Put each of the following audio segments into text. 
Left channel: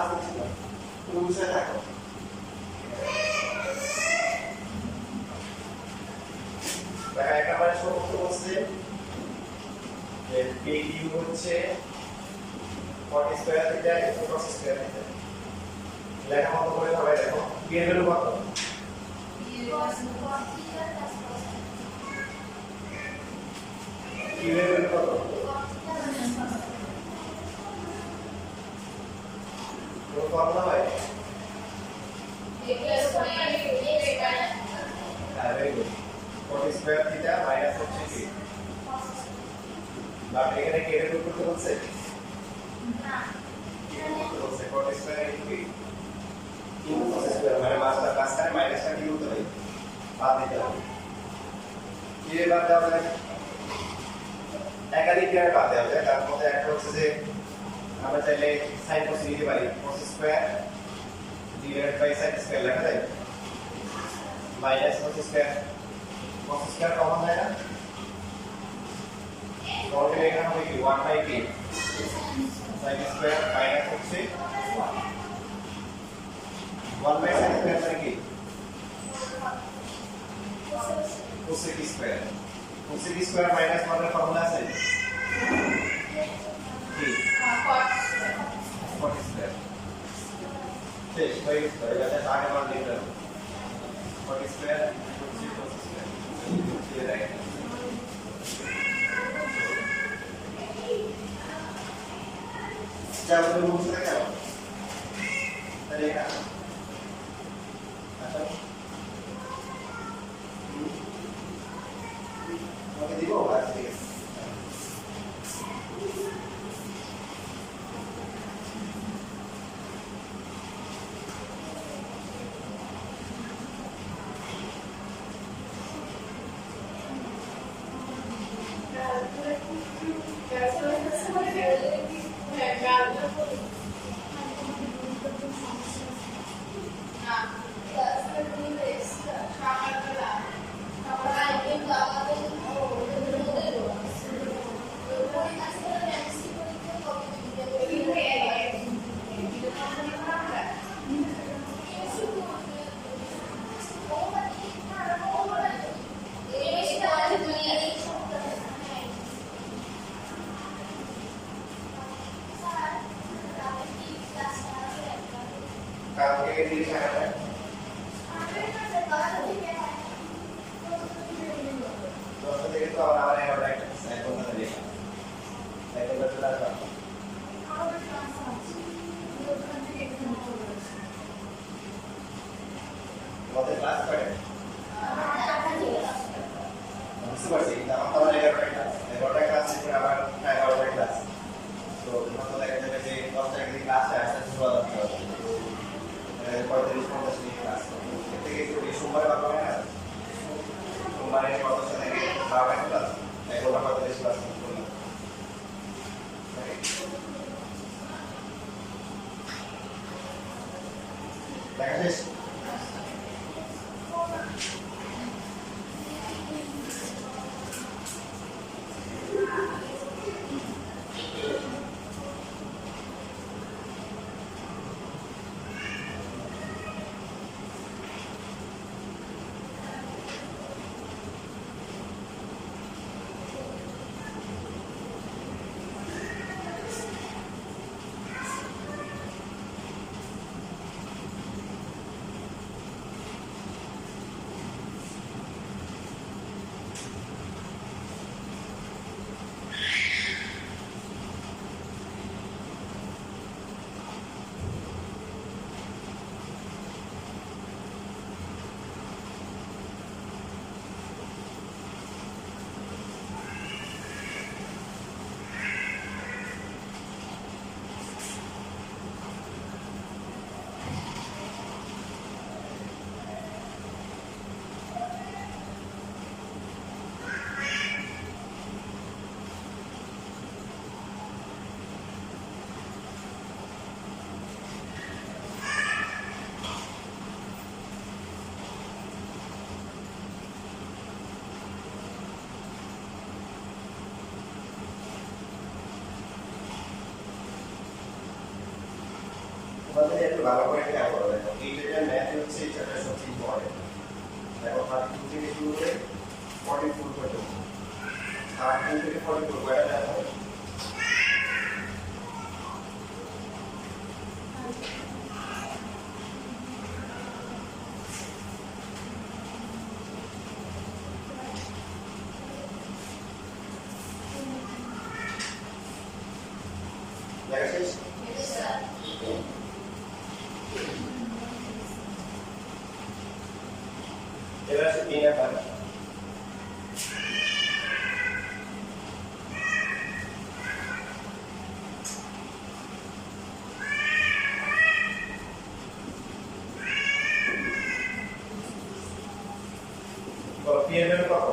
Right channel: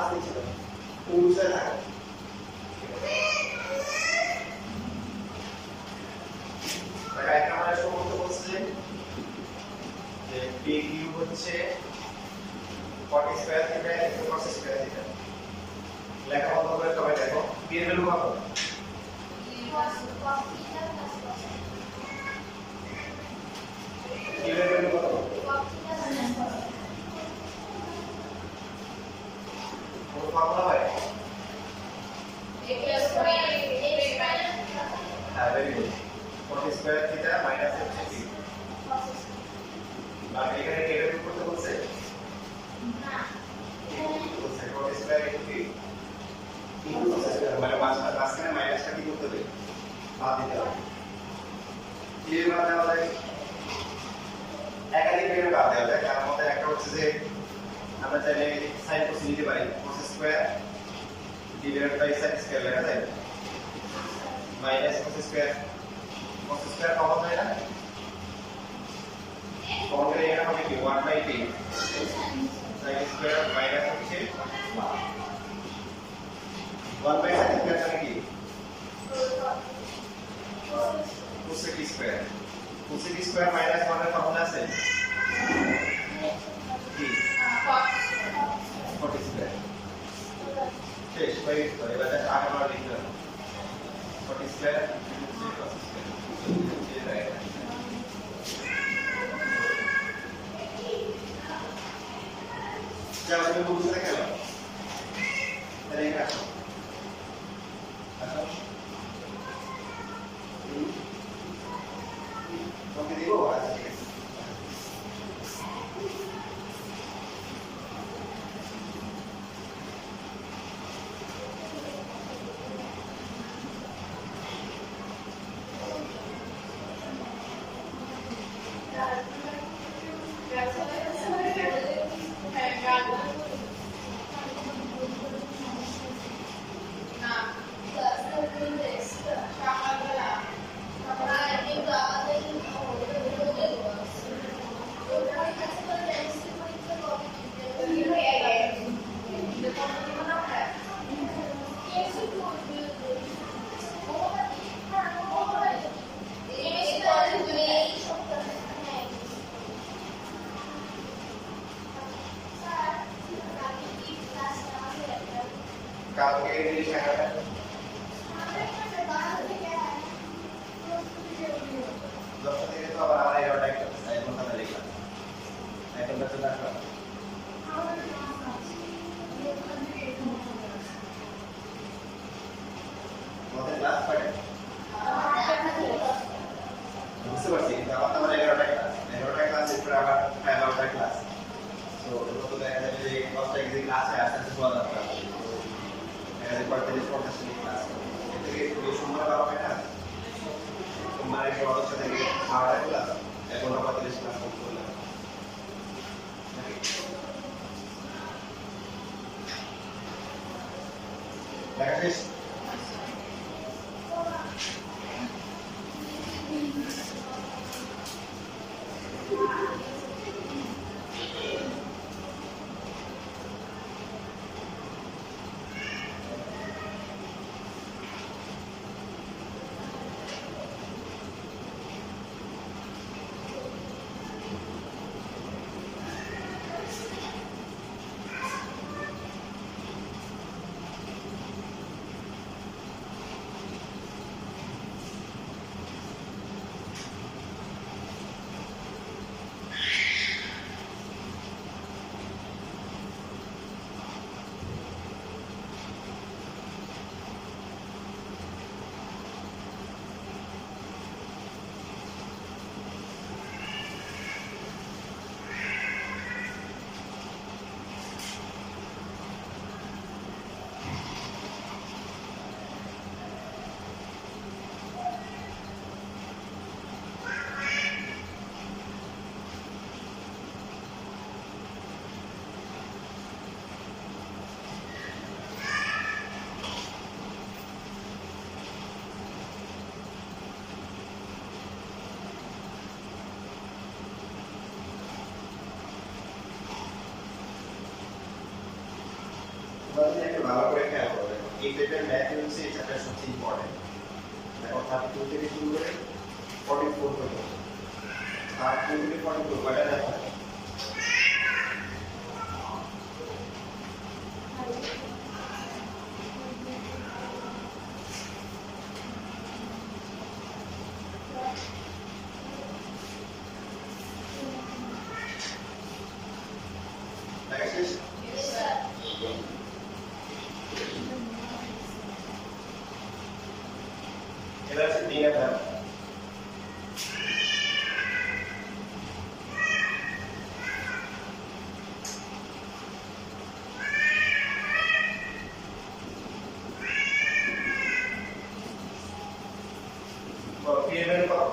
Class নিচ্ছি না, তুমি বুঝে থাকো। দেখা একটা আমরা শুরু করতে বলছি যে PQ হচ্ছে 40 square theta into cos square theta. লেখা মতো করে সবাই দেখো। P এর ভ্যালু কত? P এর ভ্যালু কত? কোন ফর্মুলা হয়? হ্যাঁ, very good. 40 square theta minus হচ্ছে P। বাট এখানে কি এটা বের করতে বলছে? না। বলছে 40 square into P। Into cos square মানে মাঝখানে মাইনাসটা কি করতে হবে? বাদ দিতে হবে। কি বাদ দেওয়া যায়? একাধিক ভাবে বাদ দেওয়া যায়। তার মধ্যে একটা হচ্ছে যে আমরা চাইলে sin cos নিতে পারি। cos square divided by sin square লেখা যায়। Minus cos square. cos square common হয় না? কমন গেলে এখানে হবে কি 1 by p sin square minus হচ্ছে 1 বাই sin স্কয়ার মানে কি? cosec square. cosec square minus 1 এর ফর্মুলা আছে কি? cot square. শেষ হয়ে গেছে। এবার এটা আগে আমরা লিখলাম cot স্কয়ার cos স্কয়ার দিয়ে দেয়। যা তুমি বুঝতে গেল তাই এটা আচ্ছা ওকে দিব আচ্ছা ঠিক আছে। কালকে এই দিন টাকাটা দশটা থেকে তো আবার আমার 11টা একটা এখন কথা লিখলাম এখন তো চলে আসলাম আমাদের ক্লাস করে বুঝতে পারছি কিন্তু আমার 11টা ক্লাস এরপরে আবার 11টা ক্লাস তো তো দেখা যাবে যে 10টা যদি ক্লাসে আসতে আসতে শোয়া যাচ্ছে পরে 40-50 মিনিট ক্লাস থেকে সোমবার বাবা হয় না সোমবারে ওদের সাথে 12টা ক্লাস 11:45 ক্লাস করলাম দেখা শেষ তোমাদের একটু ভালো করে খেয়াল করো, দেখো এই টাইপের ম্যাথ হচ্ছে এই চ্যাপ্টার সবচেয়ে ইম্পর্টেন্ট। দেখো 32 থেকে শুরু করে 44 পর্যন্ত, 32 থেকে 44 কয়টা দেখা যায়? দেখা শেষ? এবার আছে 3 নাম্বার। পি এর ভ্যালু কত?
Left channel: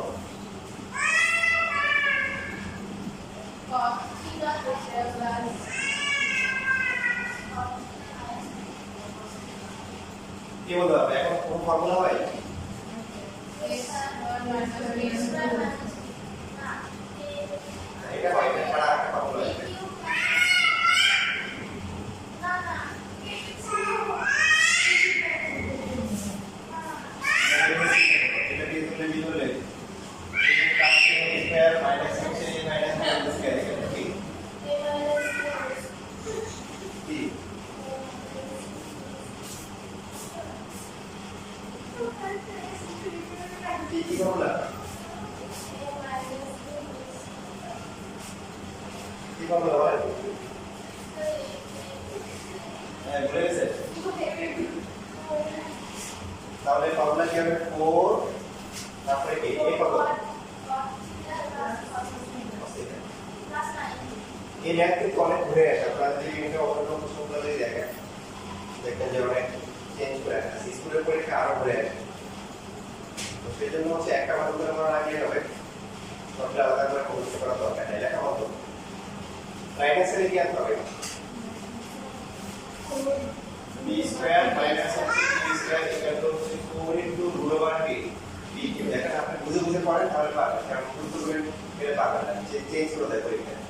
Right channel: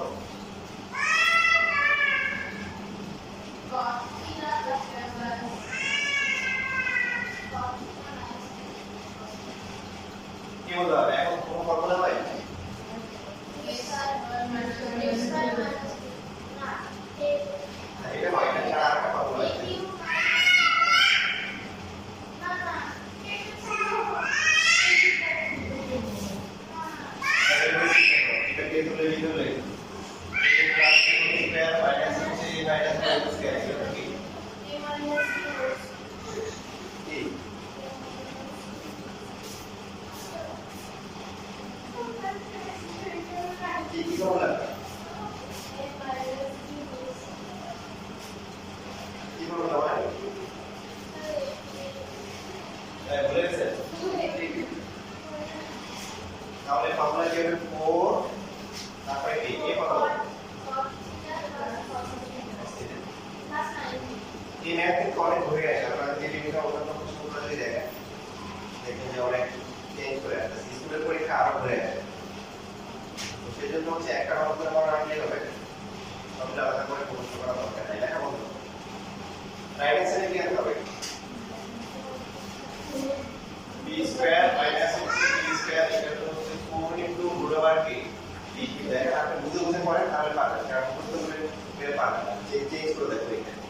কি বলতে হবে? এখন কোন ফর্মুলা হয়? এটা হয়, এটা ছাড়া আরেকটা ফর্মুলা আছে। এটা দিয়ে তুলে দিলে স্কয়ার মাইনাস হচ্ছে মাইনাস স্কয়ার, এটা কি? কি? কি ফর্মুলা? কি ফর্মুলা হয়? হ্যাঁ, ভুলে গেছে? তাহলে ফর্মুলা কি হবে? 4 তারপরে কি? এ কত? এই ম্যাথ কিন্তু অনেক ঘুরে আসে। আপনারা যদি বিভিন্ন অন্যান্য প্রশ্নগুলো যদি দেখেন, দেখবেন যে অনেক চেঞ্জ করে আসে। স্কুলের পরীক্ষা আরো ঘুরে আসে। তো সেই জন্য হচ্ছে একটা মান উত্তর করা রাখলেই হবে, সবটা আলাদা করে মুখস্থ করা দরকার নেই। লেখা বন্ধ। রাইট অ্যান্সারে কি আনতে হবে? b square minus b square equal to 4 into root over b। b কি দেখেন, আপনি বুঝে বুঝে পড়েন তাহলে পাবেন, কারণ বুঝতে বুঝে পেলে পাবেন না। চেঞ্জ করে দেখো এখানে।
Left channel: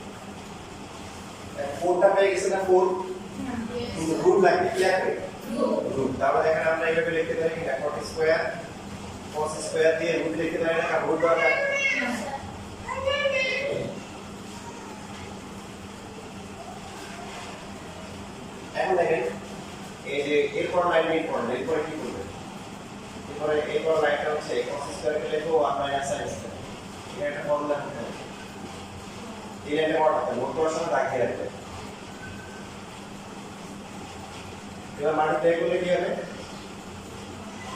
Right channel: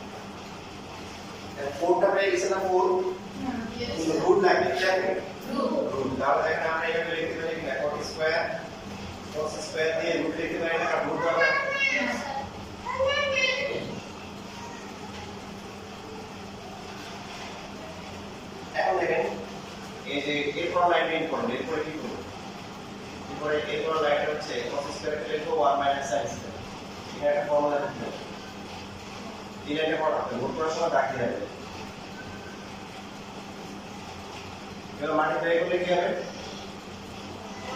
4টা পেয়ে গেছে না? 4 রুট লাগে, কি লাগে? রুট। তাহলে দেখেন আমরা এইভাবে লিখতে পারি কিনা? cos স্কয়ার cos স্কয়ার দিয়ে রুট লিখতে পারি না? কারণ রুট দরকার। এখন দেখেন এই যে এরপর লাইন ইম্পর্টেন্ট, এরপরে কি করব? এরপরে এরপর লাইনটা হচ্ছে cos স্কয়ার কে লিখবো 1 - sin স্কয়ার। এটা একটা ফর্মুলা করতে হবে। এই লাইনটা পড়াতে নোট করার সময় দাগিয়ে রাখবে। এবার মাল্টিপ্লাই করলে কি হবে?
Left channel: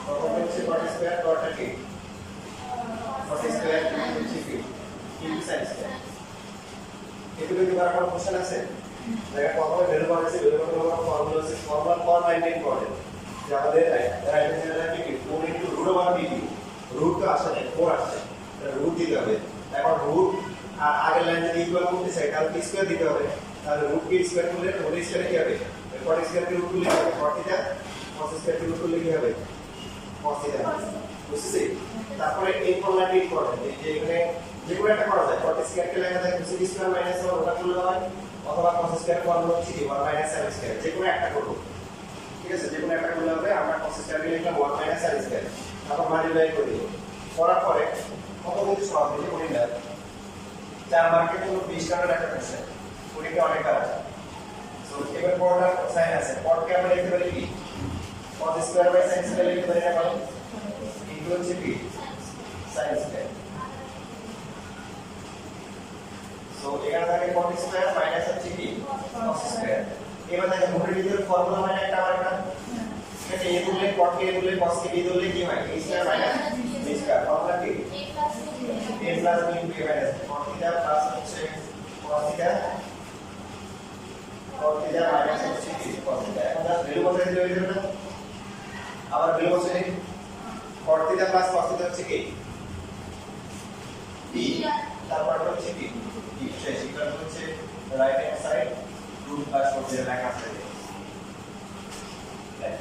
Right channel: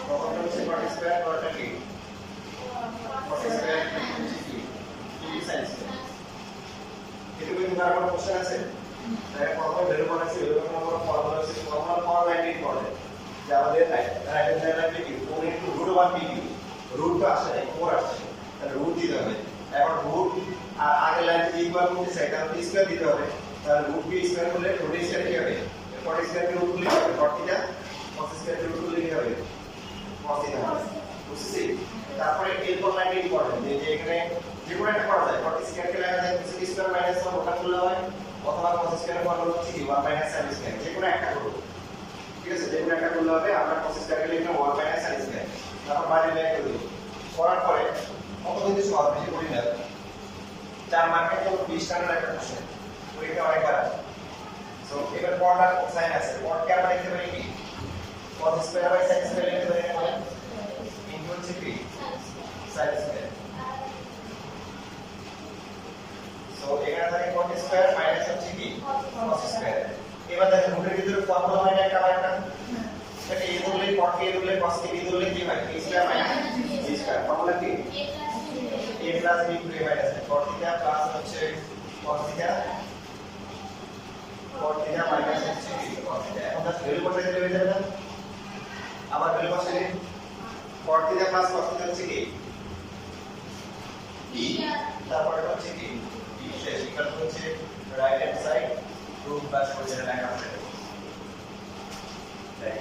প্রথমটা হচ্ছে cos স্কয়ার, পরেরটা কি? cos স্কয়ার হচ্ছে কি? sin square. এটুকু কি কারো কোশ্চেন আছে? দেখো প্রথমে ভ্যালু বানাইছি, ভ্যালু নম্বর ফর্মুলা হচ্ছে ফর্মুলা ফর লাইন ইম্পর্টেন্ট। যে আমাদের রাইট হ্যান্ড লাইন কি 4 ইনটু রুট ওভার b কি? রুট তো আসে নাই, 4 আসছে। তাহলে রুট দিতে হবে। এখন রুট আর আগের লাইন যদি ইকুয়াল করতে চাই তাহলে p স্কয়ার দিতে হবে। তাহলে রুট p স্কয়ার করলে রুট স্কয়ার কি হবে? cot স্কয়ার কে রুট করলে কি হবে? cot theta. cos স্কয়ার কে রুট করলে কি হবে? cos theta. বুঝছিস? তারপরে এরপর লাইন ইম্পর্টেন্ট, যে এখানে যে কোনো একটা করা যায়। cot স্কয়ার কে লেখা যায় cos স্কয়ার মাইনাস 1 ওটা করলে হয়, অথবা cos স্কয়ার ফর্মুলা হচ্ছে কি 1 - sin স্কয়ার। যে কোনো একটা করব, ঠিক আছে? যে কোনো একটা করলে হবে। আমরা cos স্কয়ার কে লিখলাম 1 - sin স্কয়ার, তারপর মাল্টিপ্লাই করে দিই। করার পরে কত কিন্তু সহজ বেশি করি না। 4 মার্কের জন্য 20 টাকার একটা কোশ্চেন, পরীক্ষা অনেক খারাপ। সো এবার পড়ার সাইন আছে, পড়কে আমরা লিখতে পারি কি? cos square by sin square লিখতে পারি না? বলেন ইনটু হচ্ছে কি sin স্কয়ার। সো এখানে থাকে cot স্কয়ার মাইনাস হচ্ছে কি cos স্কয়ার। এবার দেখেন রুটের ভিতরে ফর্মুলা হয় না একটা আরেকটা? এটা a ধরলে cot কে a ধরলে cos কে b ধরলে কি হয়? a square minus b square. Formula কি? a plus b into a minus cot theta plus হচ্ছে cos theta, cot theta minus হচ্ছে কি cos থিটা। এখন দাস ভ্যালু বসাই দিলে হয়ে যাবে না? আবার ভ্যালু বসাই দিই। cot theta plus cos theta হচ্ছে কি b, তারপর হচ্ছে কি b শেষ। এটা হচ্ছে right hand side root plus হচ্ছে এটা লেখা আছে, রাইট?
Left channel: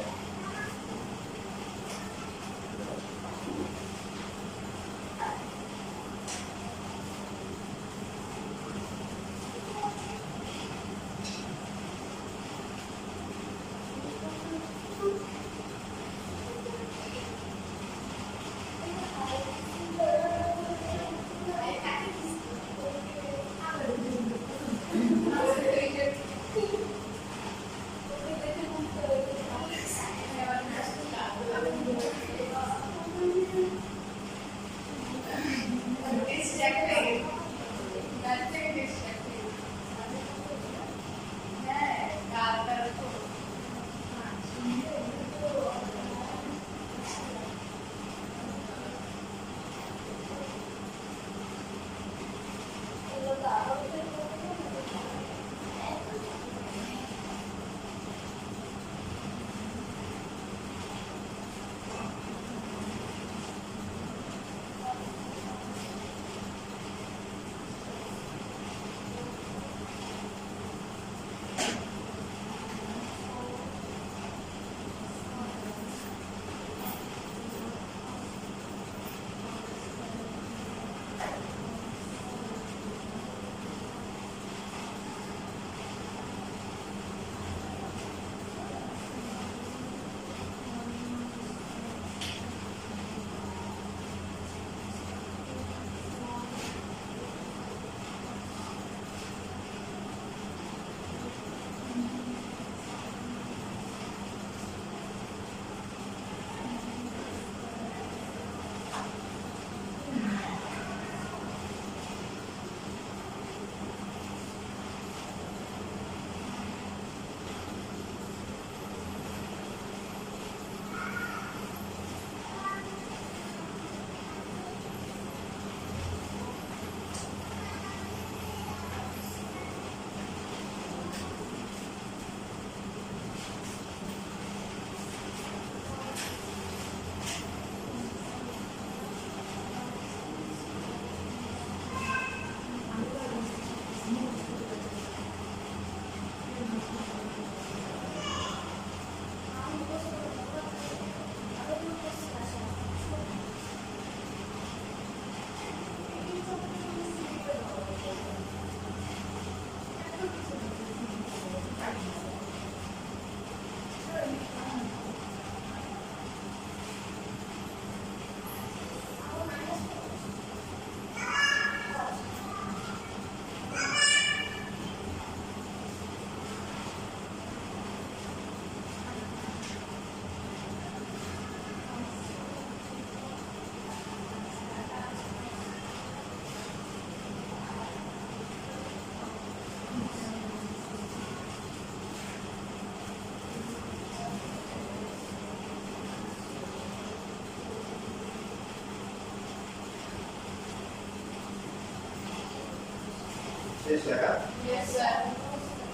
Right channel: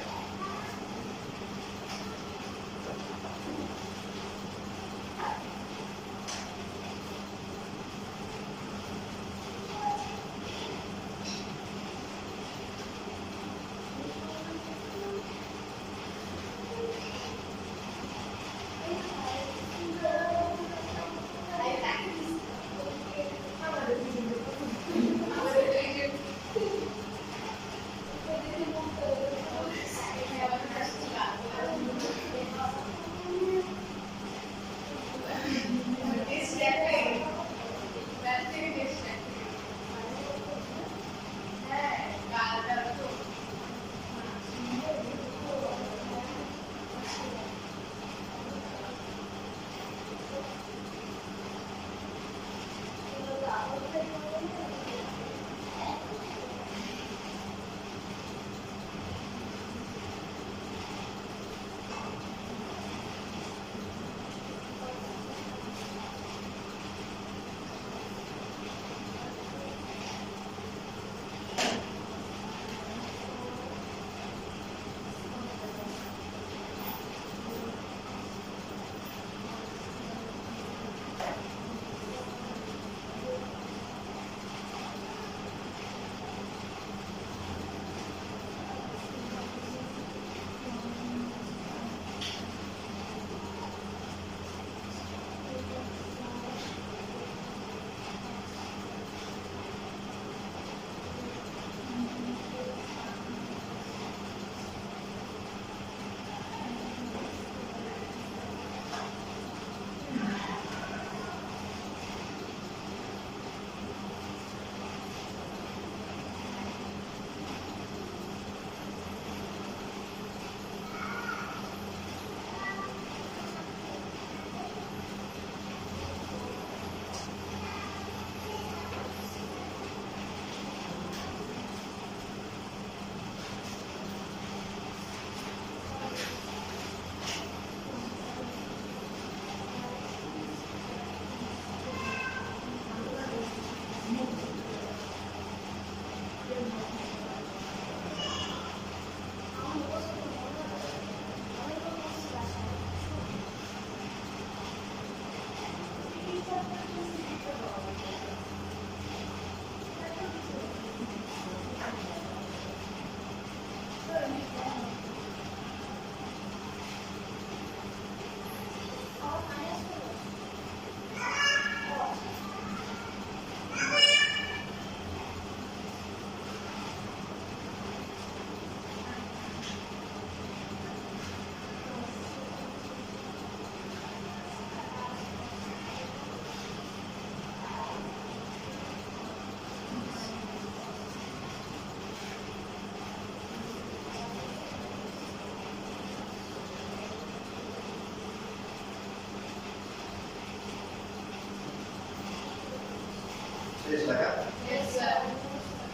শেষ লেখা Yes, sir.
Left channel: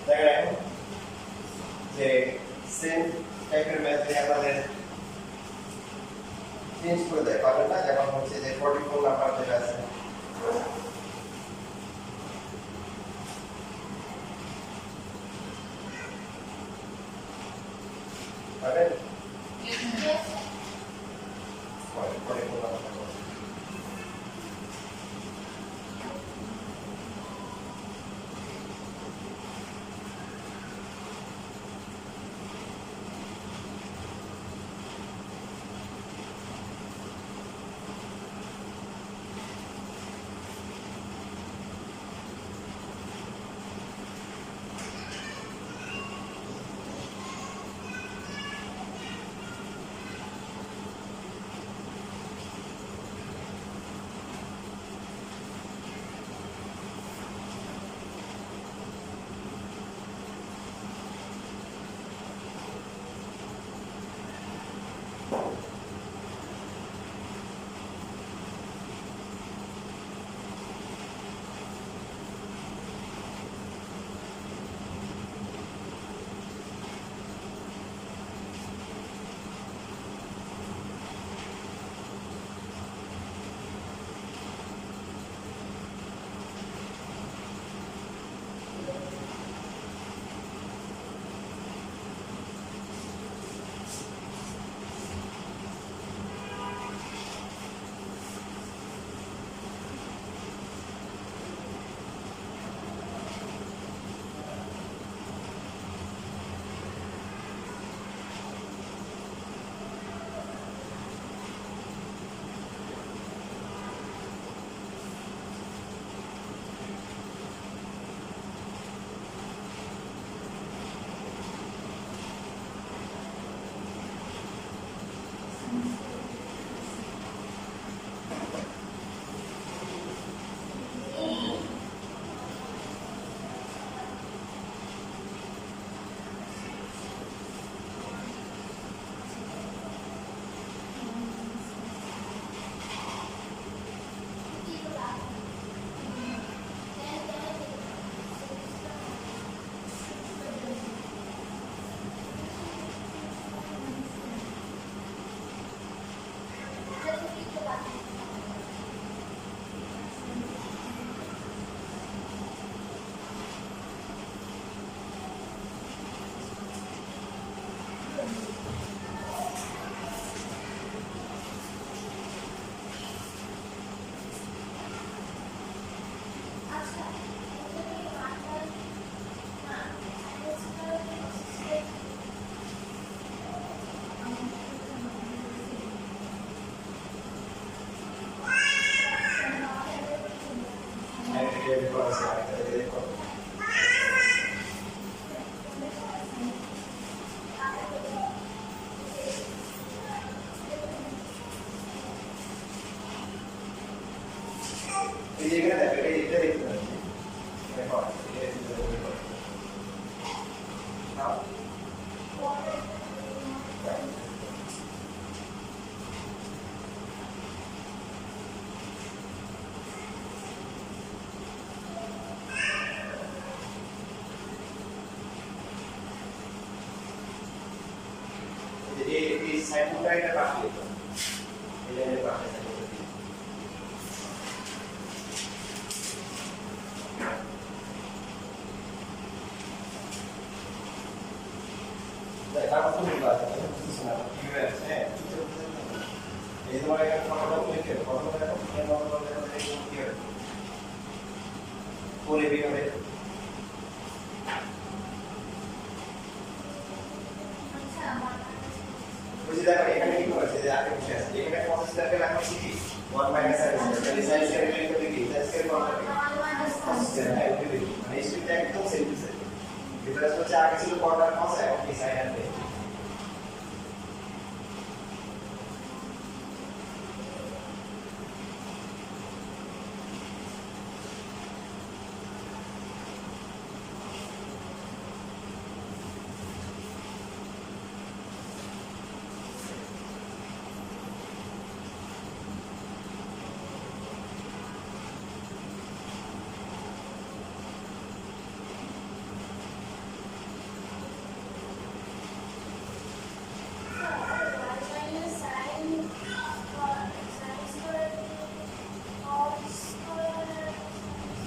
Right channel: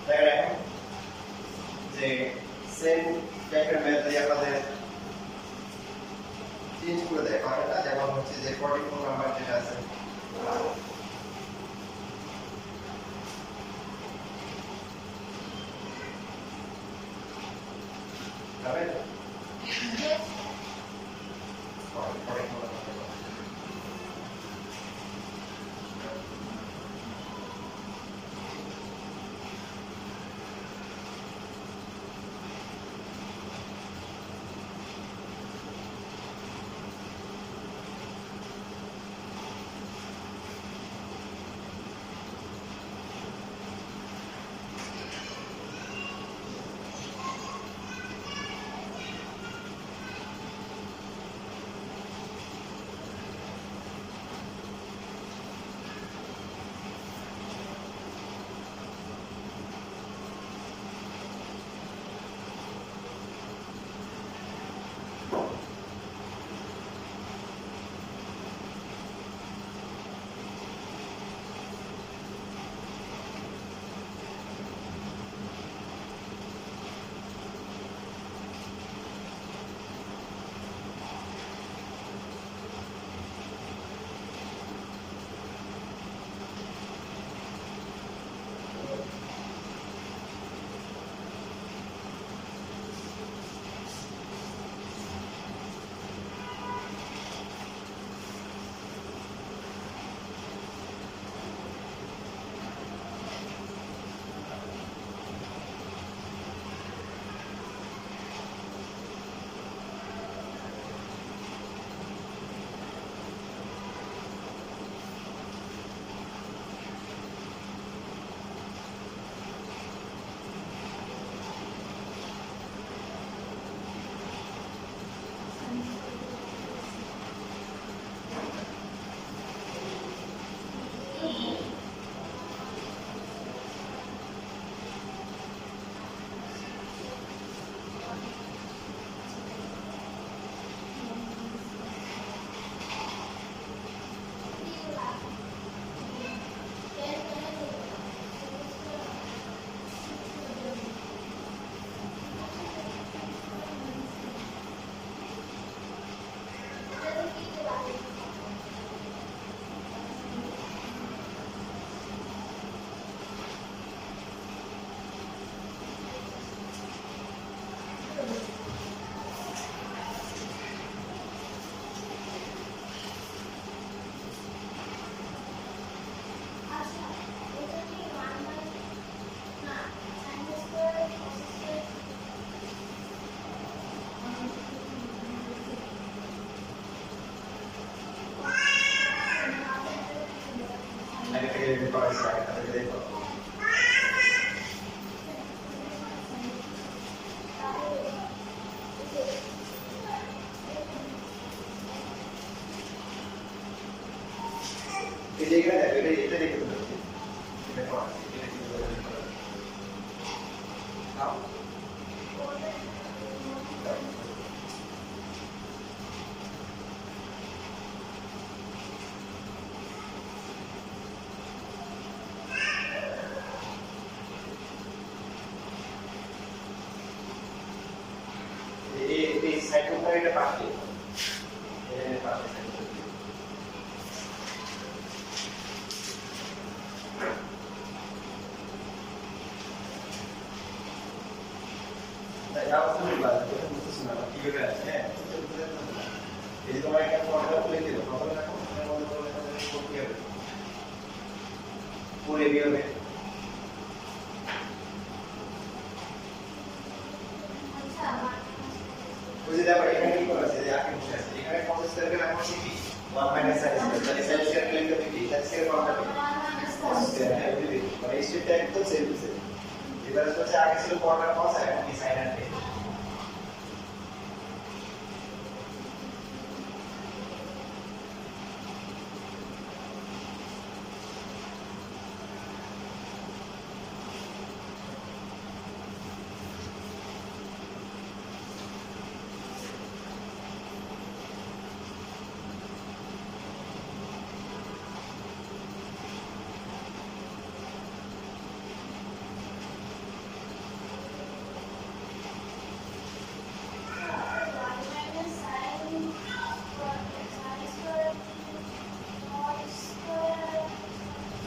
দেখা রাখো যে সেম টাইপের ম্যাথ যদি আমাদের চেঞ্জ করে দেয় পাবেন না, যেমন হচ্ছে যে 44 নাম্বার যেটা আছে পাবেন Yes. 44 নাম্বার এই যে এখানে দেখো এটা দেখতে পাচ্ছি দেখো এটা দেখতে নাও এই সাইডটা এটা বাকি এই বাকি Dapat tuh nih bahasa itu mesti senang kira ya. Jadi kalau yang kalau mikir, kalau yang mau mikir, boleh biar deh. Sama. যদি আমরা এখানে কি করেছি যে আগে বসে আছে এখানে cos স্কয়ার কে রাখছি কি 1 মাইনাস sin স্কয়ার তাহলে sin স্কয়ার কে লিখতে কি sin স্কয়ার কত হবে cos স্কয়ার হ্যাঁ এগুলি মানে এই স্টেপটা একদম সেম টু সেম ডিফারেন্স হচ্ছে আগে ছিল cos আর cos এখন কি sin আর tan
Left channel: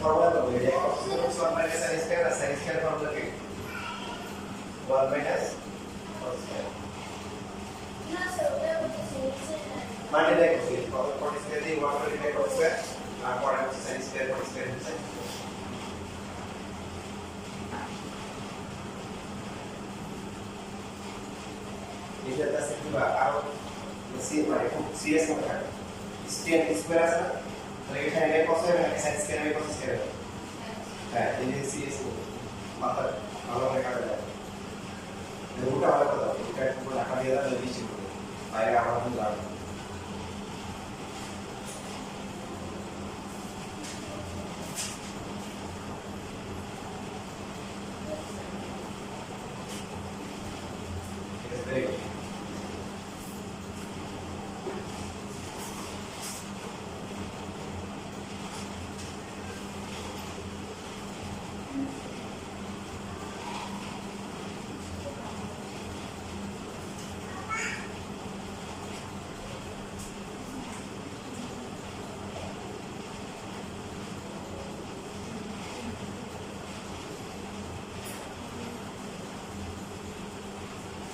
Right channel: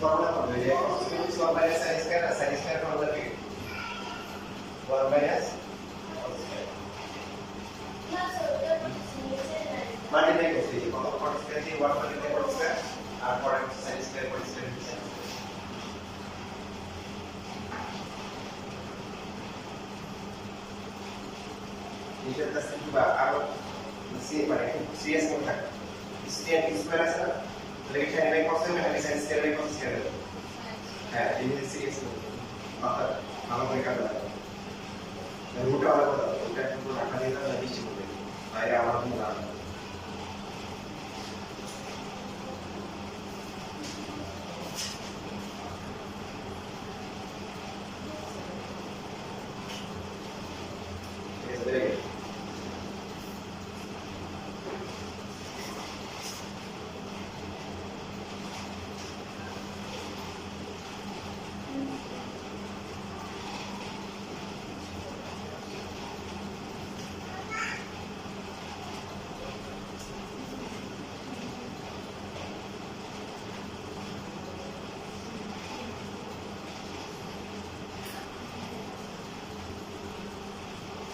formula तो है cos square 1 minus sin square और sin स्क्वायर formula क्या 1 minus cos स्क्वायर multiply করতে কত cos স্কয়ার দিয়ে 1 multiply cos স্কয়ার আর পরে হচ্ছে sin স্কয়ার cos স্কয়ার হচ্ছে এটা আছে কি বা আর সি মানে সিএস মনে থাকে স্কয়ার স্কয়ার আছে না তাহলে এখানে বাই cos হবে নাকি sin square by cos square হবে হ্যাঁ এই সিএস মাথা ভালো করে কাটে যায় রুটটা ভালো কথা রুটটা পুরো রাখা দিয়ে দাও নিশ্চিত করে বাইরে আমার কোনো লাভ নেই Yes, very good.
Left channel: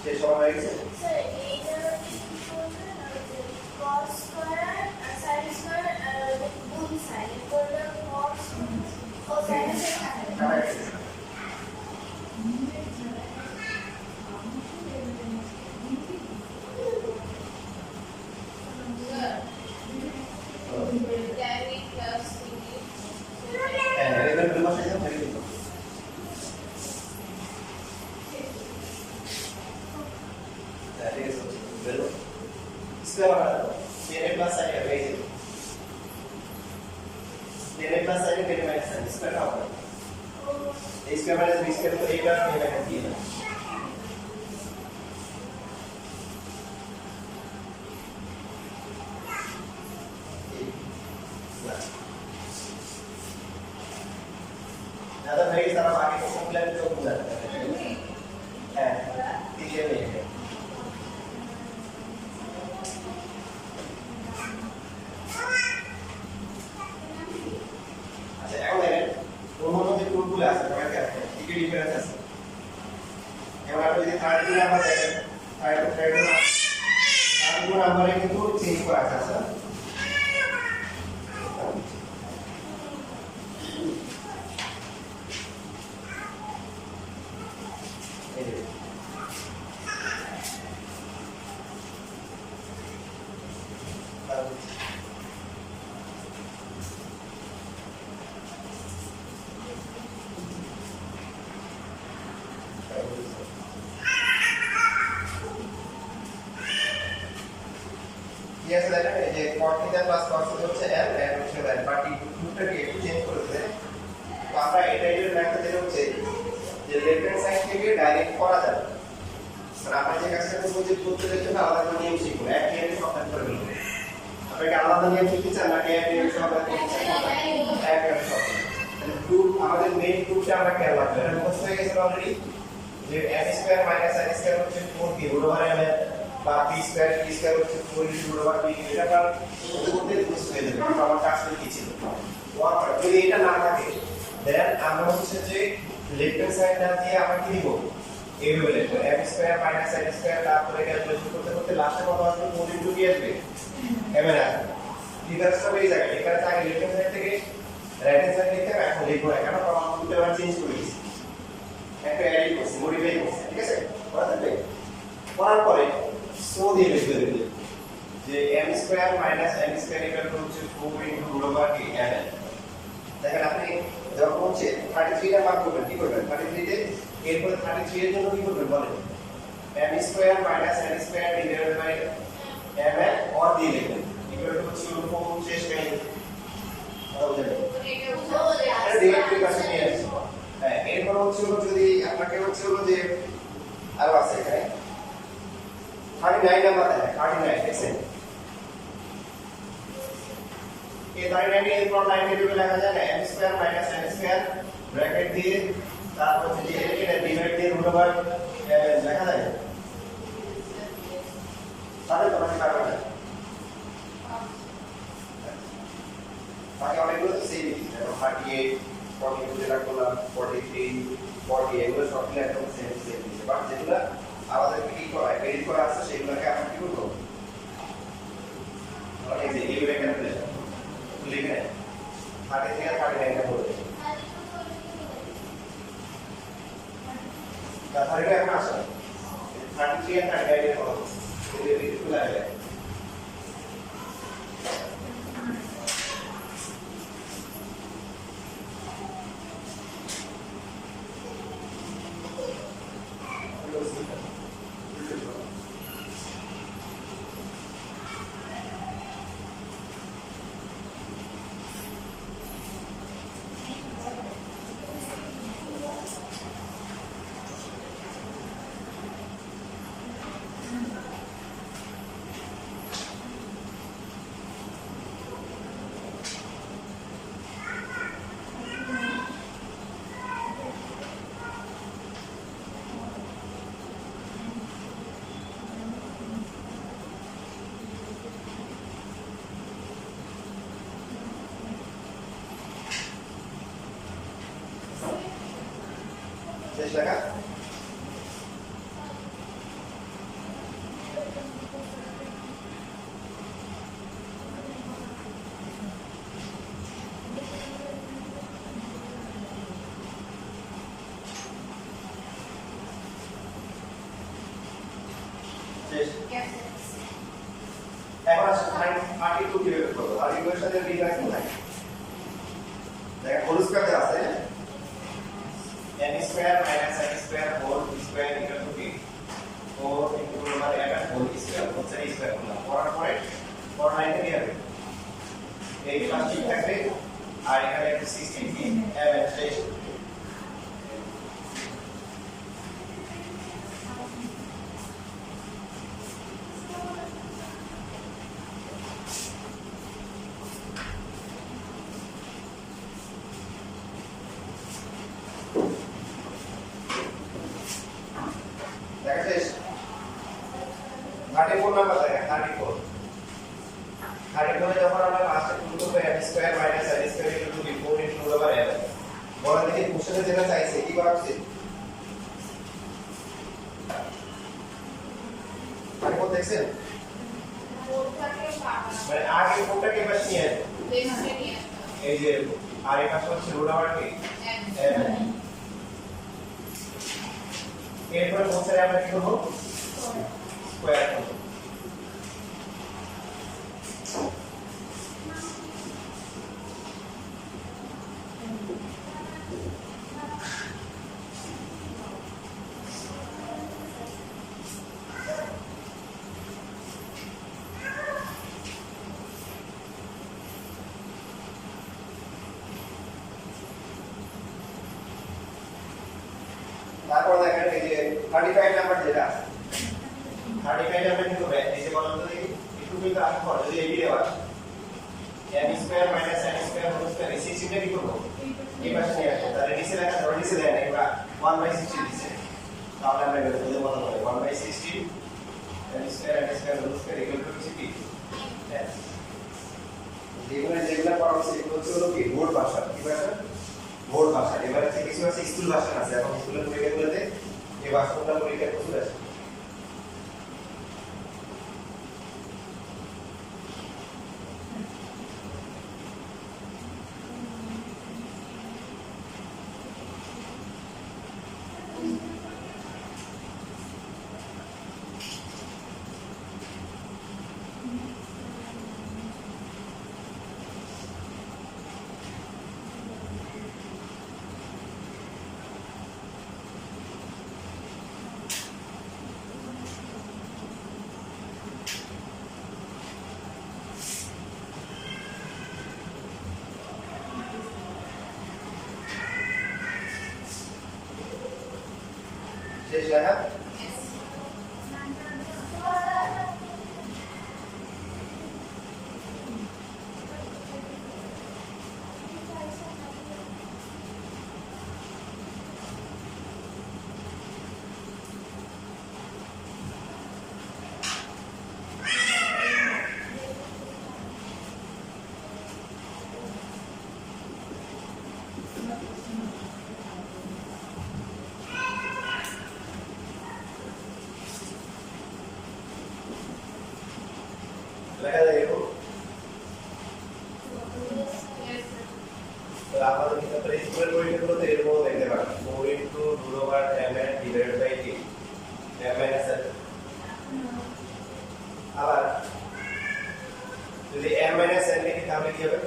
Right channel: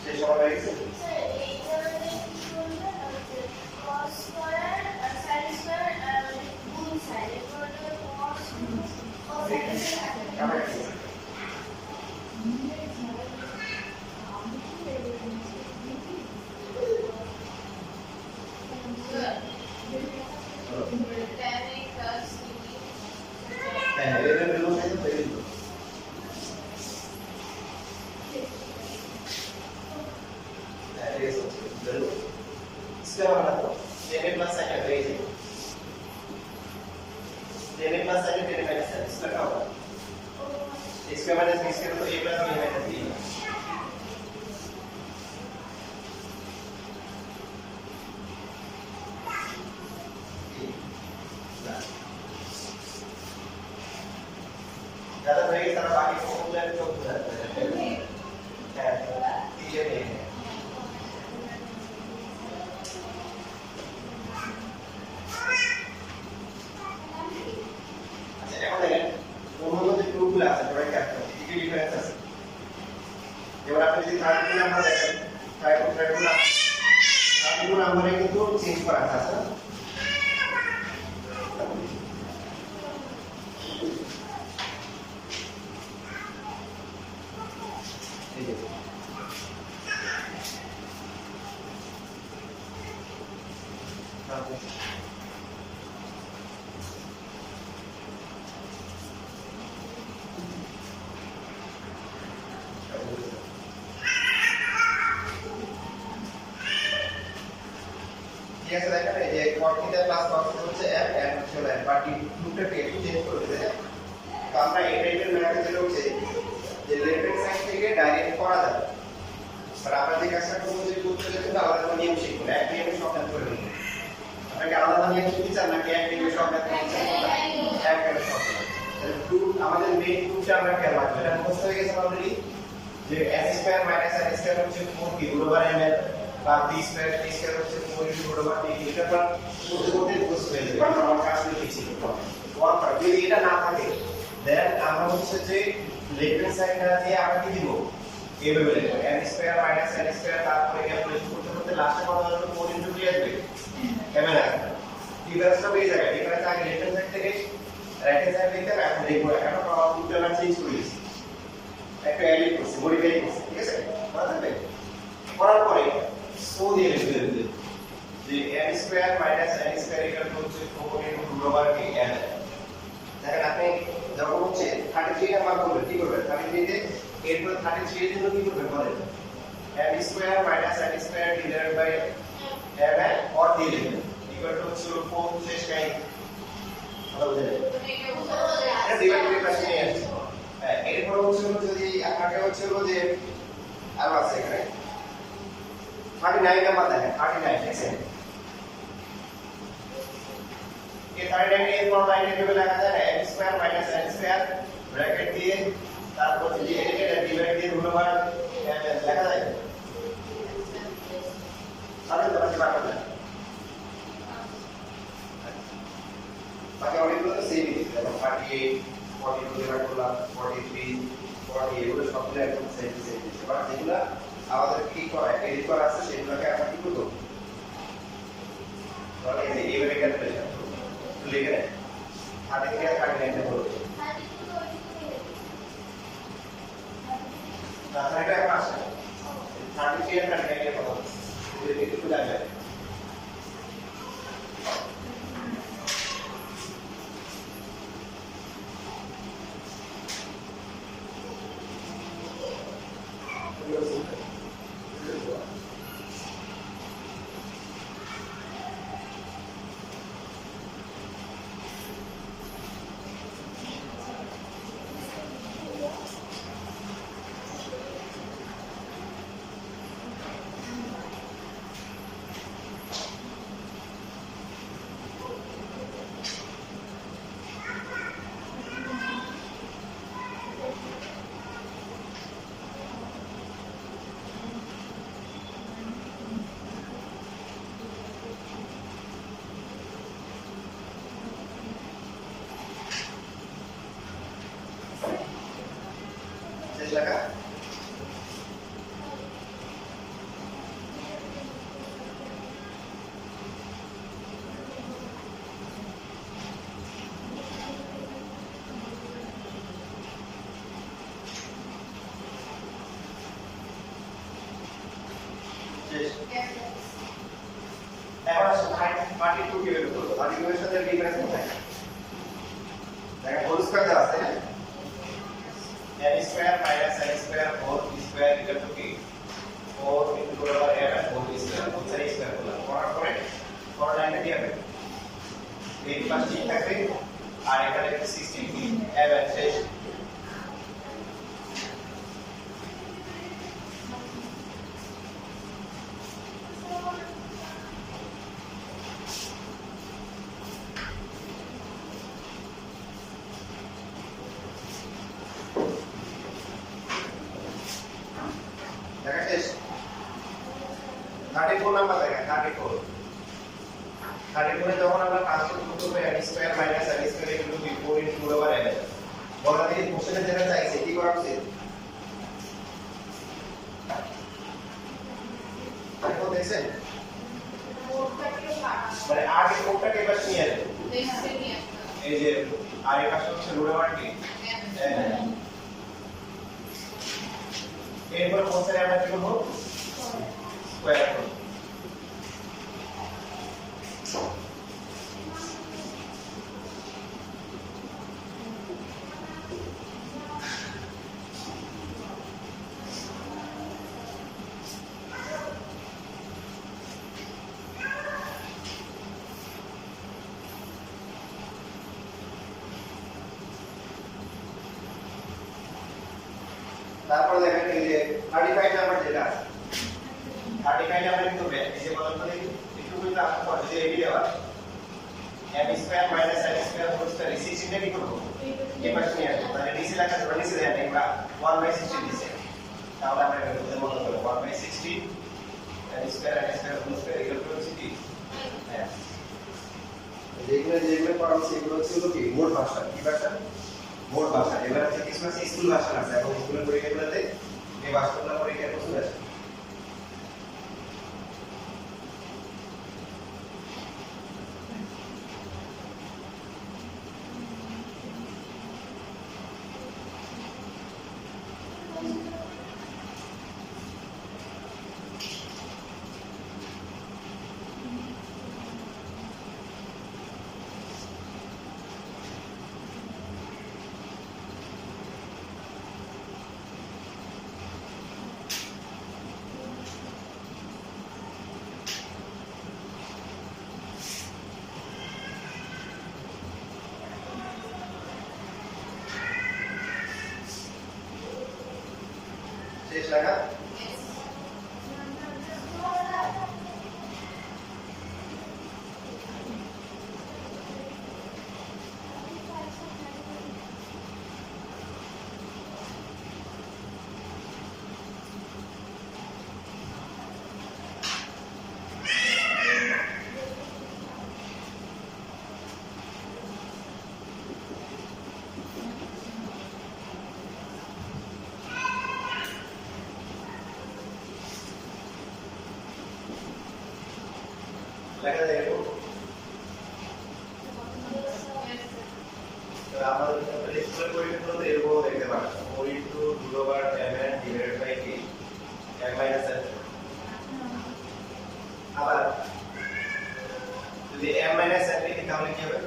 শেষ হওয়া হয়ে গেছে হ্যাঁ এদের বিমা সাইজ হয়ে গেল स्क्वायर वाला तो a प्लस sin है वही a प्लस sin है a माइनस sin इसका क्या होगा a square minus b square तो a plus b minus b है ज्यादा नहीं सारा बाकी को फॉर्मूला में चौक बुला है तीसरे में है এখন দেখেন অন্যান্য যে টুলগুলো আছে সবাই কাজ করে কি কি ডিফারেন্স আছে এবার আপনি যদি থার্ড টুল নাম্বার দেখেন থার্ড টুল নাম্বারে কিন্তু চেঞ্জ করা আছে না এই যে ये ऐसा देखा ना ये cot theta plus cos theta হচ্ছে m n হচ্ছে n বাকি টুটাকে একটু চেঞ্জ করে দিলে তো আমরা এই টাইপের ম্যাথে যেটা হচ্ছে যে লেফট হ্যান্ড সাইড থেকে ডাইরেক্ট করা যাবে আর আমরা যে কাজটা করব যে টুটার জন্য আলাদা করে নিয়ম শিখব এক নিয়মে সমাধান করে নিব আপনাকে আলাদা নিয়ম শিখতে চান নাকি এক নিয়মে সমাধান করতে চান এক নিয়মে সমাধান তাহলে টুল আমাদের মেইন টুলটা আমরা খেয়াল রাখবো এটা মুখস্থ হয়ে গেছে অলরেডি যে m square minus n square হচ্ছে 4 কি √m বা b স্কয়ার t স্কয়ার হচ্ছে 4 √b এটা আমরা করতে করতে বুঝতে পেরে যাবে আমার কাজ করে কি ছিল ওয়ান পার্ট যদি এটা না থাকে দেন আমরা হচ্ছে যে লেফট হ্যান্ড সাইডটা দিয়ে আমরা কি দিব এইভাবে লিখব m square minus n square তারপরে ক্যালকুলেশন করতে করতে লাস্টে কত আসবে 4 কি আসবে m এর আসবে ডিফারেন্সটা বেরিয়ে যাবে এখানে আগে লেফট হ্যান্ড সাইড থেকে রাইট হ্যান্ড সাইড লিখতে এখন লিখবো এখন আউটপুটটা আমরা চেঞ্জ করে দিয়েছি একটা অ্যাড করছি মডিফাই করছি ঠিক আছে বুঝতে পারবে করার পরে সো দিয়ে লিখবে যে m square minus n square equal two হচ্ছে 4 ইনটু রুট ওভার কি n। দেখেন আপনি যখন হচ্ছে 33 এর মান করবেন কি করবেন 33 তে এরপর 33 এর জন্য কি করবেন বলেন m square minus n square divided by m এর অর দিয়ে লিখবেন ইকুয়াল টু হচ্ছে 4 শেষ লাইন কথা বুঝলেন এটা ডিভাইডেড বাই নিয়ে আসছে। হ্যাঁ এরপর হচ্ছে যদি আপনাকে হচ্ছে যে আরো আছে এখানে 39 নাম্বার দেখেন 39 দেখছেন এই 39 এর পর লাইনে যেভাবে লেখা যায় না m square minus n square bracket দিয়ে তারপর যে এটা ডিভাইড দিয়ে রুট ওভার লেখা যায় তাহলে তো বাকি পারবে না বাকি অনেকগুলো তো সেমই যেমন 38 42 দিয়ে ভাগ করলাম 43 40 এগুলো সবগুলো একদম সেম দিচ্ছে বাট যেগুলো আমাদের কি করা এডিট করা আছে সেগুলোকে আমরা কি করব মানে এই যে এইভাবে ক্যালকুলেশন লিখে নেন 33 আর 39 টা বলতে তাহলে এটা এখন আসে 33 আর 39 এর পর যদি একটু লাগে শেষ লেখা শেষ এখন আসলে 32 কিভাবে করব 32 এর সাথে ডিফারেন্স কোথায় দেখেন হোল স্কয়ার দেওয়া আছে n square minus n square whole square equal to কি 4 into the power n whole square whole square করলাম করার পরে পর লাইনে দিয়ে হবে এই পাশ ঠিক থাকবে আর এখানে 16 কি এবং শেষ দেখা শেষ 34 নাম্বার দেখেন 34 34 যখন আমরা পাঁচটা টুকরো করে n square minus n square equal to 4 into root over n বলা দেখি কোশ্চেনে যেটা চাইছে কি করা উচিত তারপর দেখছেন মানে আগে কোডটাকে এবার নিয়ে আসবে এই যে আর এই পাশে হচ্ছে রুট ওভার কি এরপরে কোশ্চেনে আমরা কি করব স্কয়ার করব তারপর দেখেন এই যে 35 নাম্বার যেটা 35 নাম্বার কিন্তু এই যে বলতো দেখি একটু কিন্তু আসতো যদি এই দেওয়া m square minus n square whole square এই চিহ্নটা কি করব এই পাশে নিয়ে আসবো তাহলে নিচে লেখা ধরে নিচে দেন আমরা 1/16 দিছে তাহলে আমরা এটা বলতে বলতে পারি 1/16 n square whole square equal to কি হ্যাঁ যেগুলো করা হচ্ছে এগুলো হলো কি মোট ভাষা কি ভাষা মোট ভাষা এবার আছে কিছু আছে স্কুল ভাষা আছে এখন স্কুলের পরীক্ষাগুলোতে এই ভাষাগুলো পরীক্ষা করতে আসে শেষ লেখা Yes. লেখা যায় এরকম Yes, sir. তো আমাদের ক্ষেত্রে স্কুলের পরীক্ষাগুলোতে এরকম দেখতে পারেন o into root over mn divided by k m minus n আবার যদি m minus n লিখি তাহলে কি হবে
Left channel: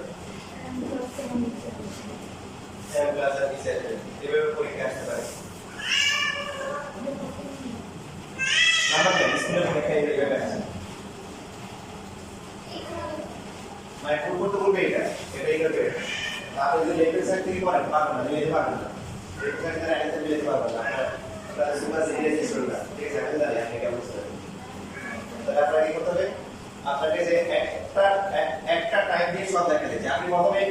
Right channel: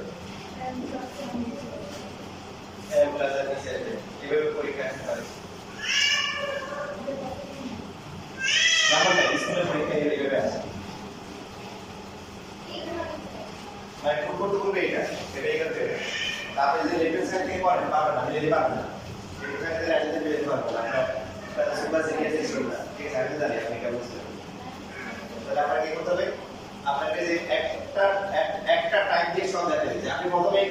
m plus n নিচে আসবে এভাবে পরীক্ষা আসতে পারে নাম্বার নাই স্কুলের পরীক্ষা এইভাবে আসে মানে পূর্ব তো বলবে এটাই করবে আপনি যদি লেফট সাইড থেকে করেন পারবেন না মিলাতে পারবেন না লেফট সাইড থেকে রাইট সাইড মিলাতে পারবেন না আপনার সুপার সিরিয়াস ইস্যু না ঠিক আছে আপনি জানেন আপনি কেমন বুঝতে পারবেন তাহলে আপনাকে কি করতে হবে আপনাকে যে একটা টাইপ দিয়ে সব দেখা দিচ্ছে আপনি প্রথমে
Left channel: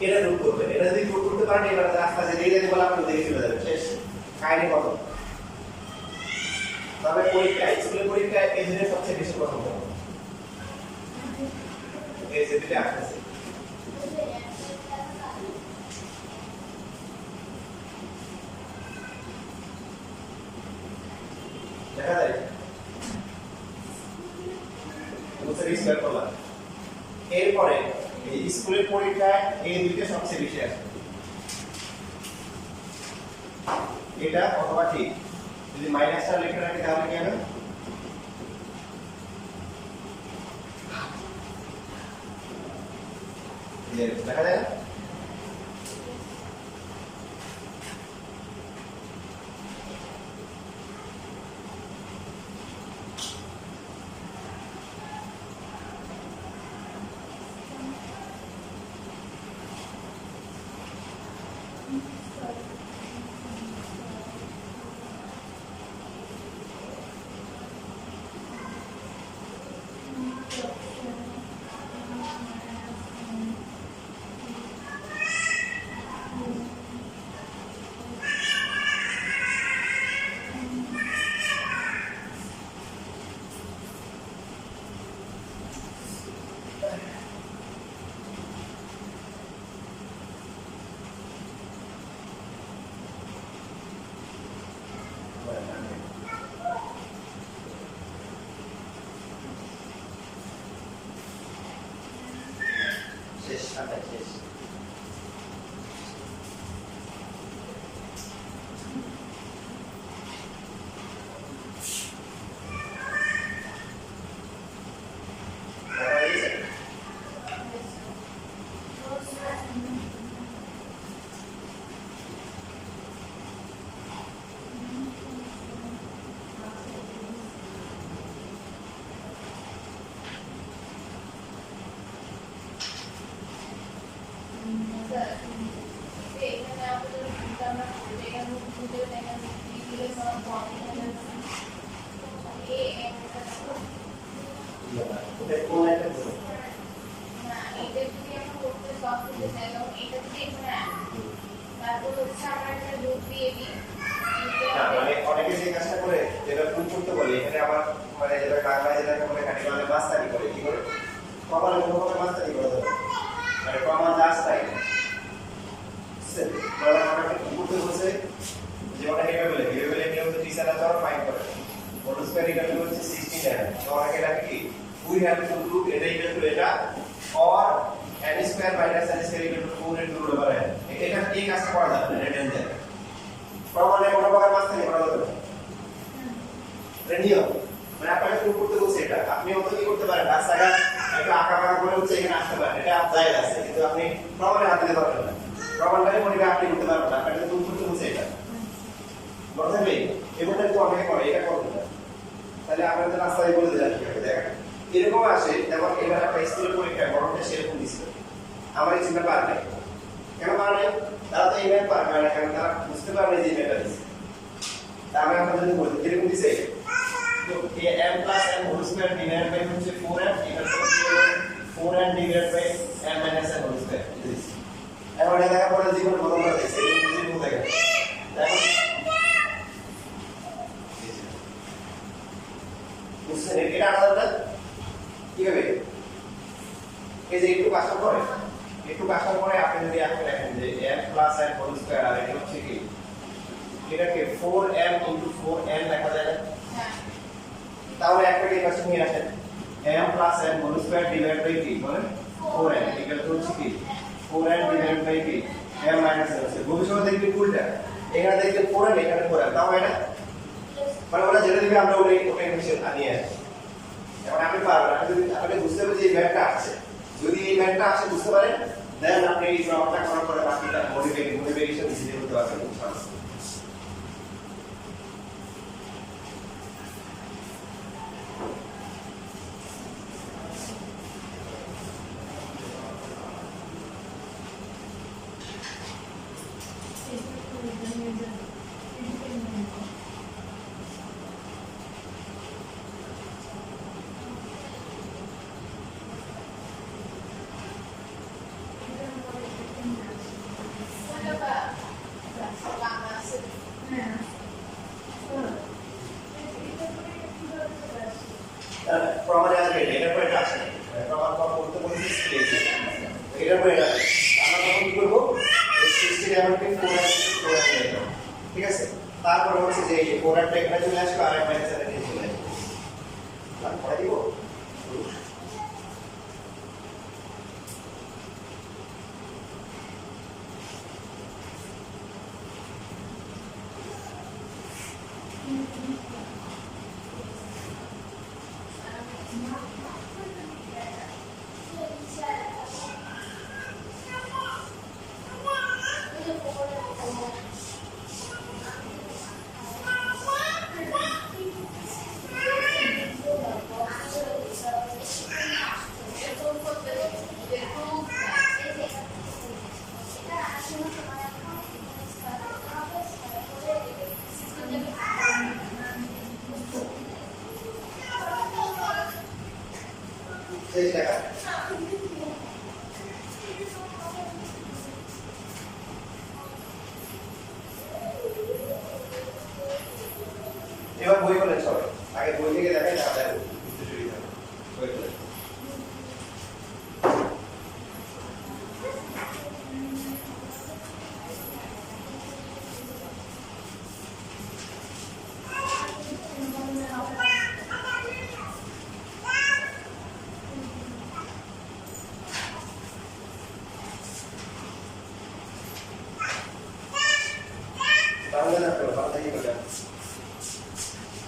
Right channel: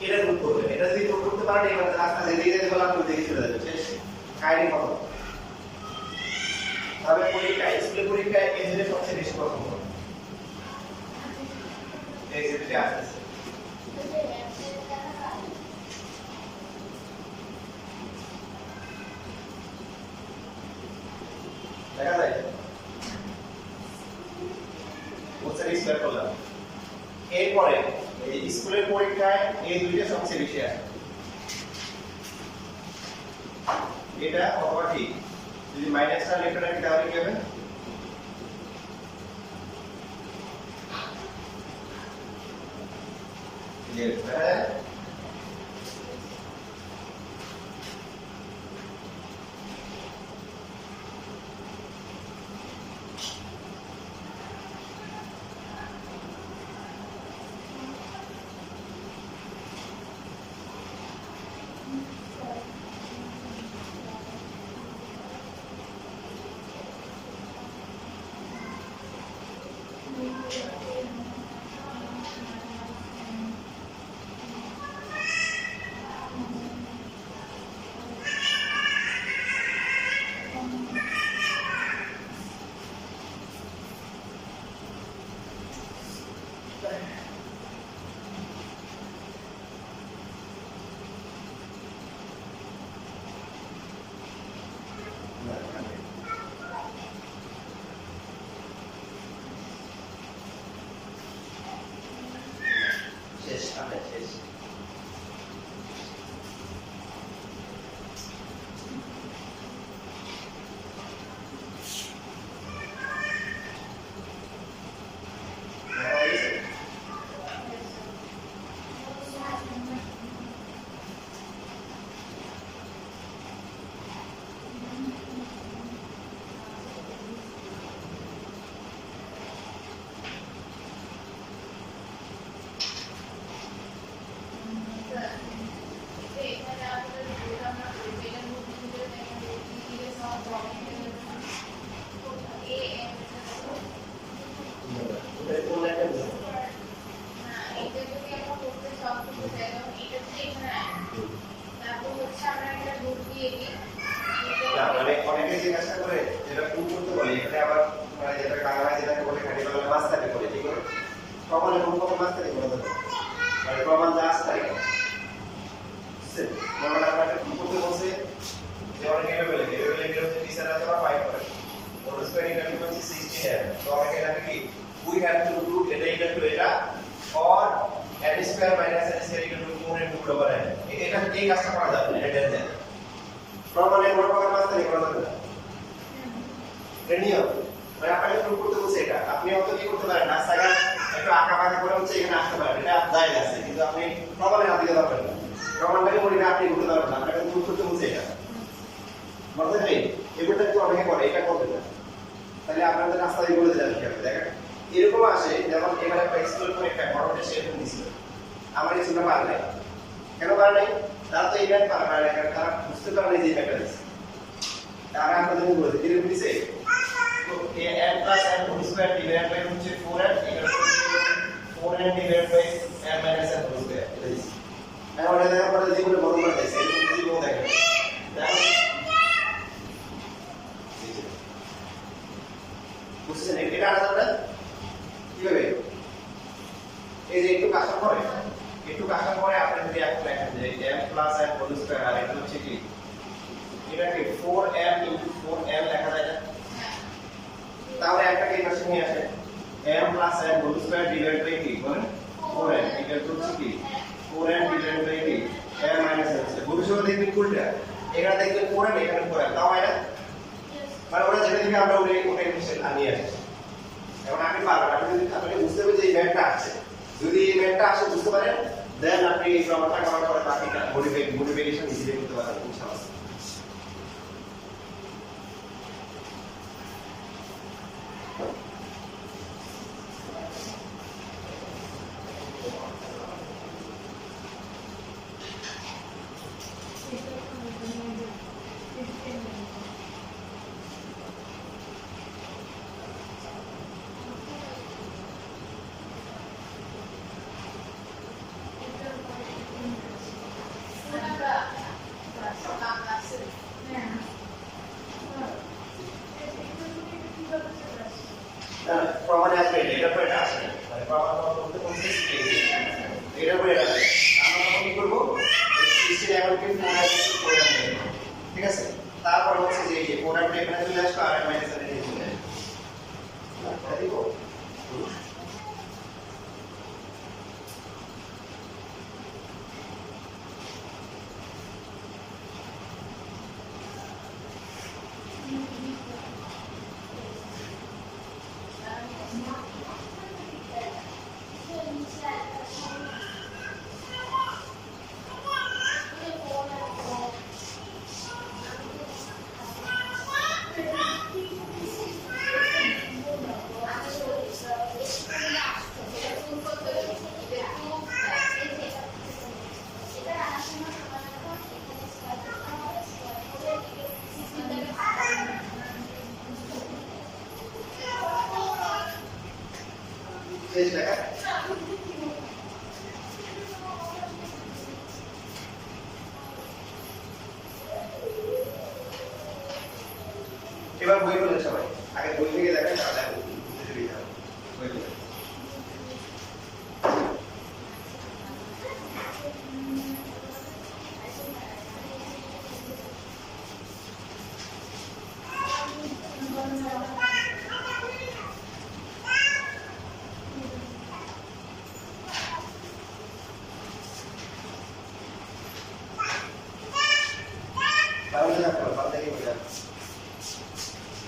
এটা রুট করবেন এটা যদি রুট করতে পারেন এবার রাস্তা যেতে যেতে বলে আপনি দেখে চলে যাবেন শেষ কাহিনী কত তবে পরীক্ষা স্কুলের পরীক্ষায় এই জিনিস সবচেয়ে বেশি পছন্দ এই যে দিতে আসছে দেখা যায় বুঝতে স্কয়ার করলাম এরপরে এই স্কুলের পরীক্ষায় এই দুইটা সবচেয়ে বেশি আসে এটা অথবা ঠিক যদি মাইনাসটা লিখে রাখি তাহলে কি হবে দেখা যায় শেষ আচ্ছা শেষ Sir, এখানে আমাদের রুট আমরা করব এখানে রুট দিতে এখানে রুট দিলে সব বডি এখানে এ এম ওটা কোন লাইনটা বলবো না এটা যদি আমরা করতে সব করতে চাই তখন এটা যদি এখানে তারপর হচ্ছে আমরা একটা রুট দিয়ে দিই না মানে অনেকে যে কাজটা করে যেটা প্রুভ করতে বলে এখানে আবার মানে যেটা বাংলায় যেটাকে বলে খালি বলে মাস্টারি করে কি করে কখনো কখনো মাস্টারি করে দেবে মানে প্রমাণ জাস্ট তাই মানে আমাকে প্রুভ করতে বলছে যে অনেকে এভাবে বলে কি হচ্ছে টিচাররা তারা ফাইন করে ওর স্কয়ার ইকুয়াল টু হচ্ছে 16 এর তো অনেকে এটা কি উই হ্যাভ টু ডু এটা ইকুয়াল টু এটা or n square minus n square equal to 4 into root over n এটা এই কাজটা করা যাবে না এটা দেন প্রমাণে কোনো প্রকার মাস্টারি করা যাবে না এটা নিয়ম মানে আপনাকে প্রুভ করতে বলছে এটা আপনি অত কি করতে পারেন রাস্তাঘাট একটু আঁকা বাঁকা করে হচ্ছে এখানে আসতে পারেন এটা জায়গা আছে কিন্তু আপনি প্রমাণে হাত দিতে পারবেন না প্রমাণটাকে পরিবে আপনি করতে পারবেন না আপনাকে প্রুভ করতে বলছে এটা বলতে নেই এগুলো একটু অনেকে করে এটা করতে না তাহলে আপনাদের রাস্তায় বলে দিলাম কি হবে দেখেন এরকম আসে যেমন এবার একটা স্কুলের পরীক্ষা গরমটা সেরকম দিছিল আমার এই চিন্তা পার নাই কেন পার নাই তারা তো এই ম্যাথ পারে না কারণ তারা বুঝতে পারে না যে এই ম্যাথটা দিচ্ছে আমরা এখন যদি বলি এরকম দিছে তো m plus n whole square divided by হচ্ছে 4n এটা হচ্ছে 4n divided by m minus n whole square এটা দিছি এখন এটা দেখার পরে জীবনে প্রথমবার দেখছি এই জীবন দেখেন দেখো বুঝছেন এটা আলাদা কিভাবে এই যে একটু কাজ করে একটু কাজ করে আপনি যদি এখন লেখেন যে m plus n whole square আর এটা হচ্ছে কি এটাকে 4m into 4n লেখা যায় না তাহলে একটা কি পাশে নিয়ে আসেন m plus n whole square divided by কি বলেন 4n এটা হচ্ছে কি 4n divided by কি m minus n ভবিষ্যতে দেখবেন উল্টা এখানে দেখবেন 4n এখানে 4n তাও হয় না মানে ওরা যেটা দিবে আমরা ওটাই নিচে নিয়ে আসি এখন আপনি পারবেন আপনি যদি আপনি বুঝতে হবে যে এই ম্যাথটা আছে যদি এই ম্যাথটা আসে বুঝতে পারেন দেন আপনি এই প্রমাণটা করার পরে বাকিটা মোটিভেশন ইজিলি করতে পারবেন ইনশাআল্লাহ প্রমাণে আসবে এটা পরে এটা আসে মানে প্রমাণ করতে বলছি স্পেস এটা পরে এটা আমরা তখন কি করব এই 16 এমনকে 4 আসবে 4 আসবে ঠিক আছে তারপর হচ্ছে যে এই 4 একটা এখানে চলে আসবে আর m মাইনাস n এর চলে আসবে তারপরে দিব শেষ লেখা এবার বই বলেন সবাই আগে বই থেকে দেখেন তাহলে বুঝতে সুবিধা হবে বই বলেন তাহলে না করো তাহলে কি বলবেন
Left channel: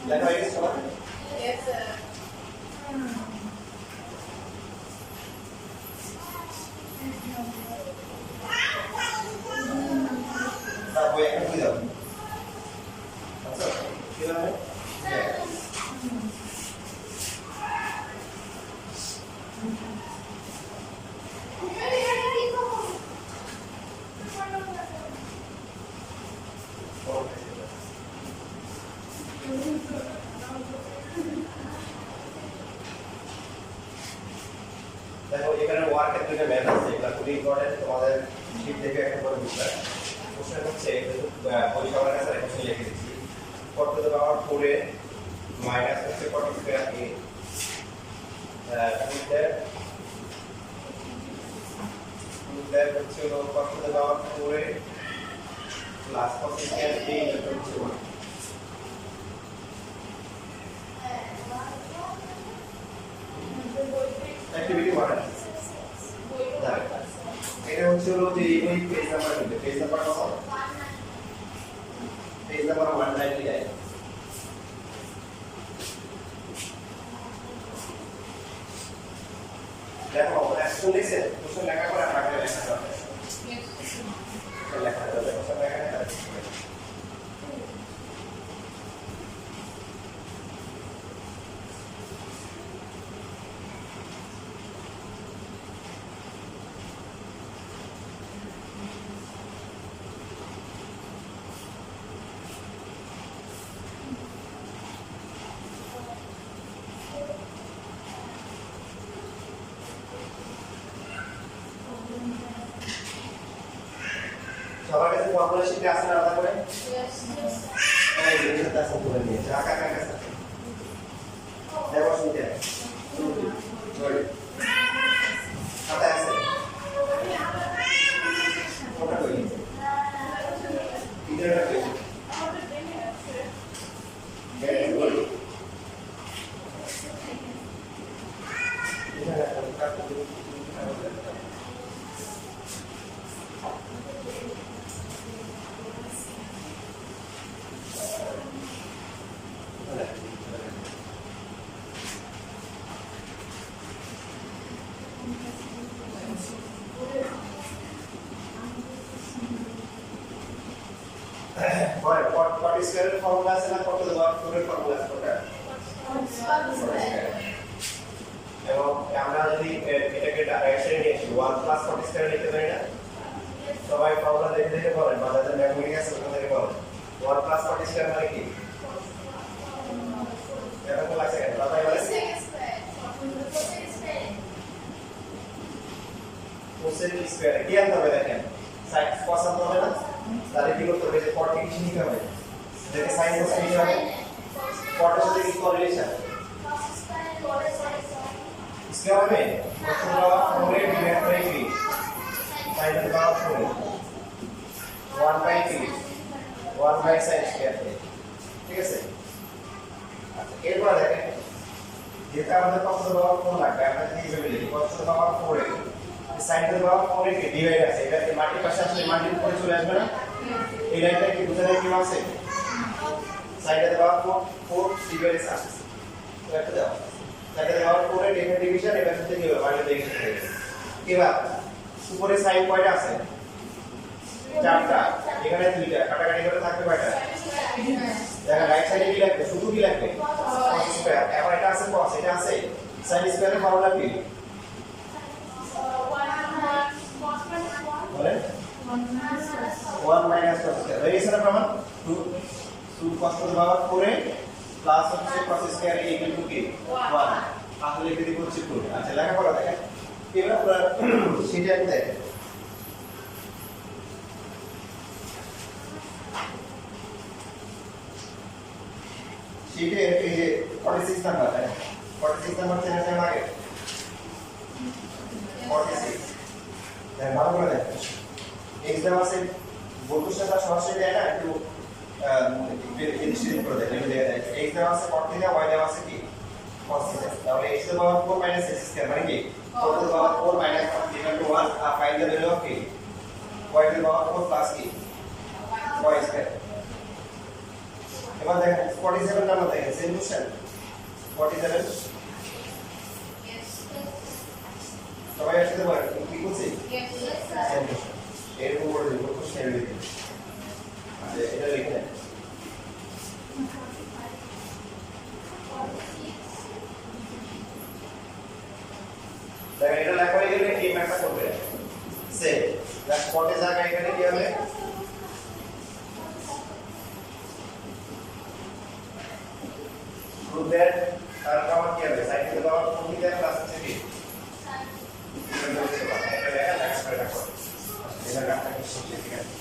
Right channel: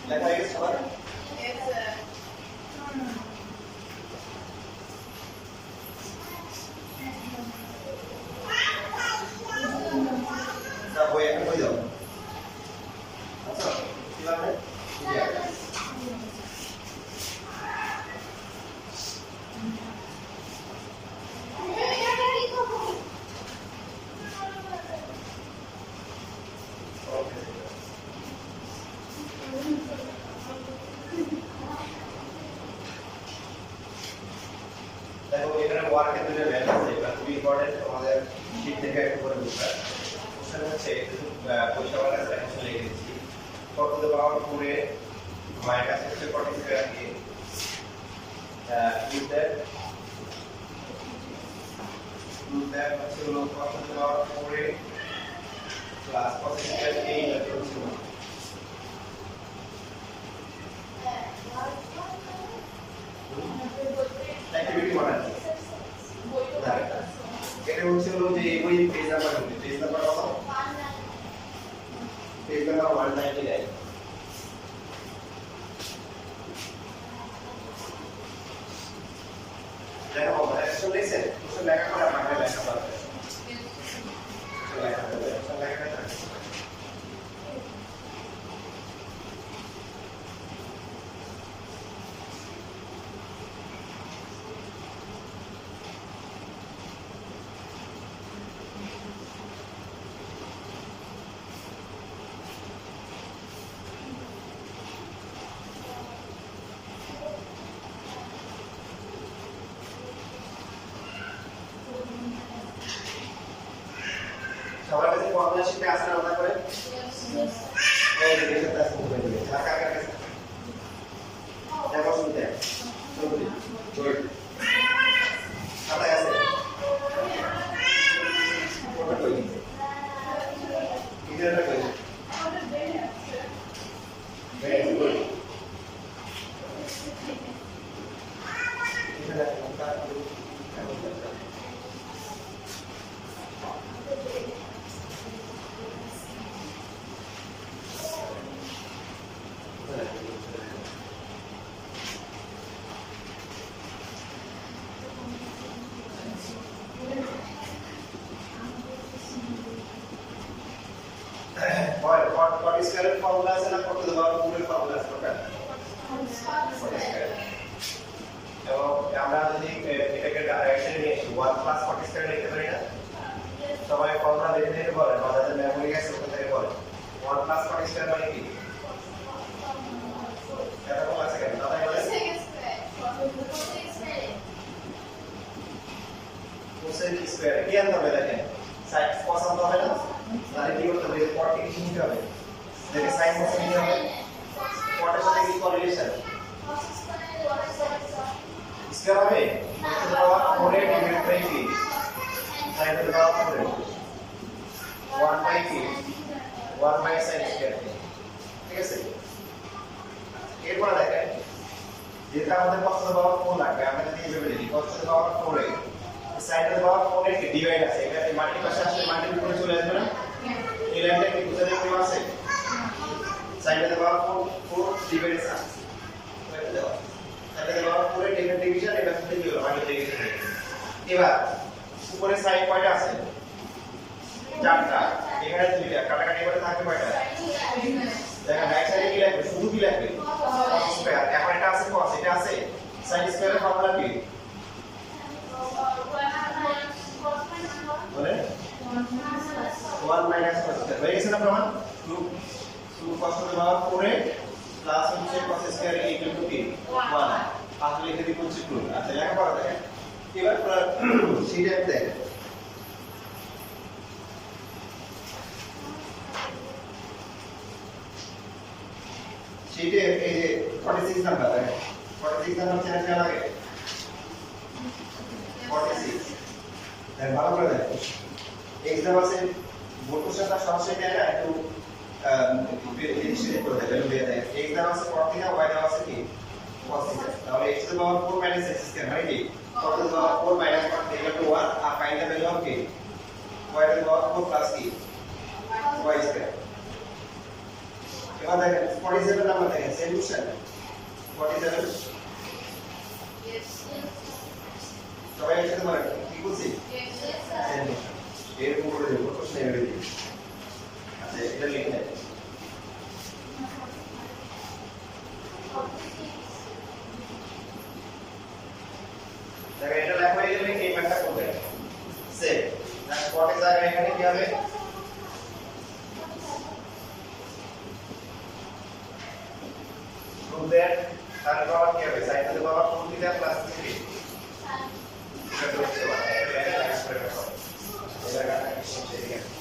লেখা হয়ে গেছে সবার Yes, sir. তার বই এখন বই দাও আচ্ছা কি মানে দেখো এখানে ওয়ার্কের দুটো ম্যাথ আছে এটা খুবই ইম্পর্টেন্ট তোমাদের শীট থেকে একটা করে বুঝবে কোশ্চেন হচ্ছে পয়সা আমার কাছে কোশ্চেন লিখে দিচ্ছি কত টু দ্য পাওয়ার 4 এ মাইনাস হচ্ছে 40 স্কয়ার এ টু দ্যাট হচ্ছে হলো কত টু দ্য পাওয়ার 4 এ প্লাস 40 স্কয়ার এ এটা হচ্ছে অ্যাক্টিভিটি মডেল এটা হচ্ছে হলো যে ওই পেজ নাম্বার হচ্ছে পেজ নাম্বার কত পেজ নাম্বার 199 দেখো অ্যাকশন লিখছেন কিছু লেখা করে আপনাকে লেখা দরকার লেখা দরকার লেখা দরকার ফর্মুলা শিটে আসলে আলাদা করে Yes. এই যে এটা আছে করে দিয়ে ঢাকা কাছে দেখো শুনতে জয় খাতা আছে ওটা কই ইদারা কই ভেরি গুড এটা ওটা what is current formula আছে না কত দেওয়া পুরো ফর্মুলা আছে ওটা এবং আমরা যদি এটাকে ডাইরেকশনে নিয়ে আসি 1 প্লাস 40 স্কয়ার লিখতে পারি না সবাই ফর্মুলা দেখে দেখে বলেন বা যাদের মেমোরি আছে ওখান থেকে বলেন 1 প্লাস 40 স্কয়ার মানে কি এটা কোন আছে কেন দাদা বলে কোসেক স্কয়ার কি আনতে হবে দেখেন সাইড cos আনতে হবে না তাহলে কি করতে হবে যে 40 কিছু নিতে হবে যেটা sin cos নিতে হবে 40 এর সাথে কি কোরিলেশন স্কয়ার হবে কত পাওয়ার 4 ডিভাইড বাই 3 sin এর পাওয়ার 4 1 বাই 3 1 বাই sin স্কয়ার ঠিক আছে এরপর দেখেন যেটা আমাদের cos এর পাওয়ার 4 লাগবে আমরা যদি এইভাবে লিখি cos এর পাওয়ার 4 এর sin এর পাওয়ার 4 এর ডিভাইড আছে এটা মাল্টি পাশে আসলে মাল্টি উপরে চলে আসবে না এই লাইনটা কি বুঝাতে কি আছে sin এর পাওয়ার 4 ডিভাইড আছে এটা দাও sin এর পাওয়ার 4 এর ডিভিশন এটা সাথে কি হবে মাল্টি ডিভিশন হয়ে গেছে এবার উপরে sin কয়টা আছে চারটা এখানে দুইটা কাটাকাটি করে থাকবে কয়টা দেখেন রাইট সাইডে কি লাগবে শুধু কি লাগবে cos স্কয়ার এখন এটা আছে cos এটা আছে sin স্কয়ারের ফর্মুলা কি বলে 1 মাইনাস cos স্কয়ার হয়ে গেছে না প্রমাণ 2 cos টু দি পাওয়ার 4 এ প্লাস হচ্ছে cos স্কয়ার ইকুয়াল টু কি 1 আসলে লিখে দিব হচ্ছে 2 আচ্ছা লেখা পড়া দেখেন এবার সেটা দেখেন শীটে এই যে 46 নাম্বার 46 নাম্বার চেনা চেনা লাগে 46 দেখ ভালো করে দেখ এক্সাম আছে বকুশাটা সরাসরি দেয় না একটু ডিসক্রিট করে দেয় এটা দিয়ে দেয় এক্সাম আছে cot থিটা y দেওয়া আছে কি cos থিটা তাহলে x to the power 4 minus x square মানে কি 4 to the power 4 minus cot theta to 1 আর ফাইনাল ভ্যালু অফ কি y to the power 4 plus কি y স্কয়ার এবার দেখেন 47 নাম্বার দেখেন সলিউশন 47 সবাই একসাথে বলেন কি বলছি সলিউশন এরকম করে দেবো প্রশ্ন এভাবে দিই আচ্ছা এটা লিখে নেন দেখেন এটা লেখা হয়ে গেলে এই ম্যাথটা করবে সেভ জাস্ট পটের জায়গায় এখানে কি হবে prove that তার পাওয়ার কি হবে sin two the power 4 theta plus 3 এটা করতে পারে এটা লেখা লাইক করে রাখো এবার আমরা কোশ্চেন ঠিক আছে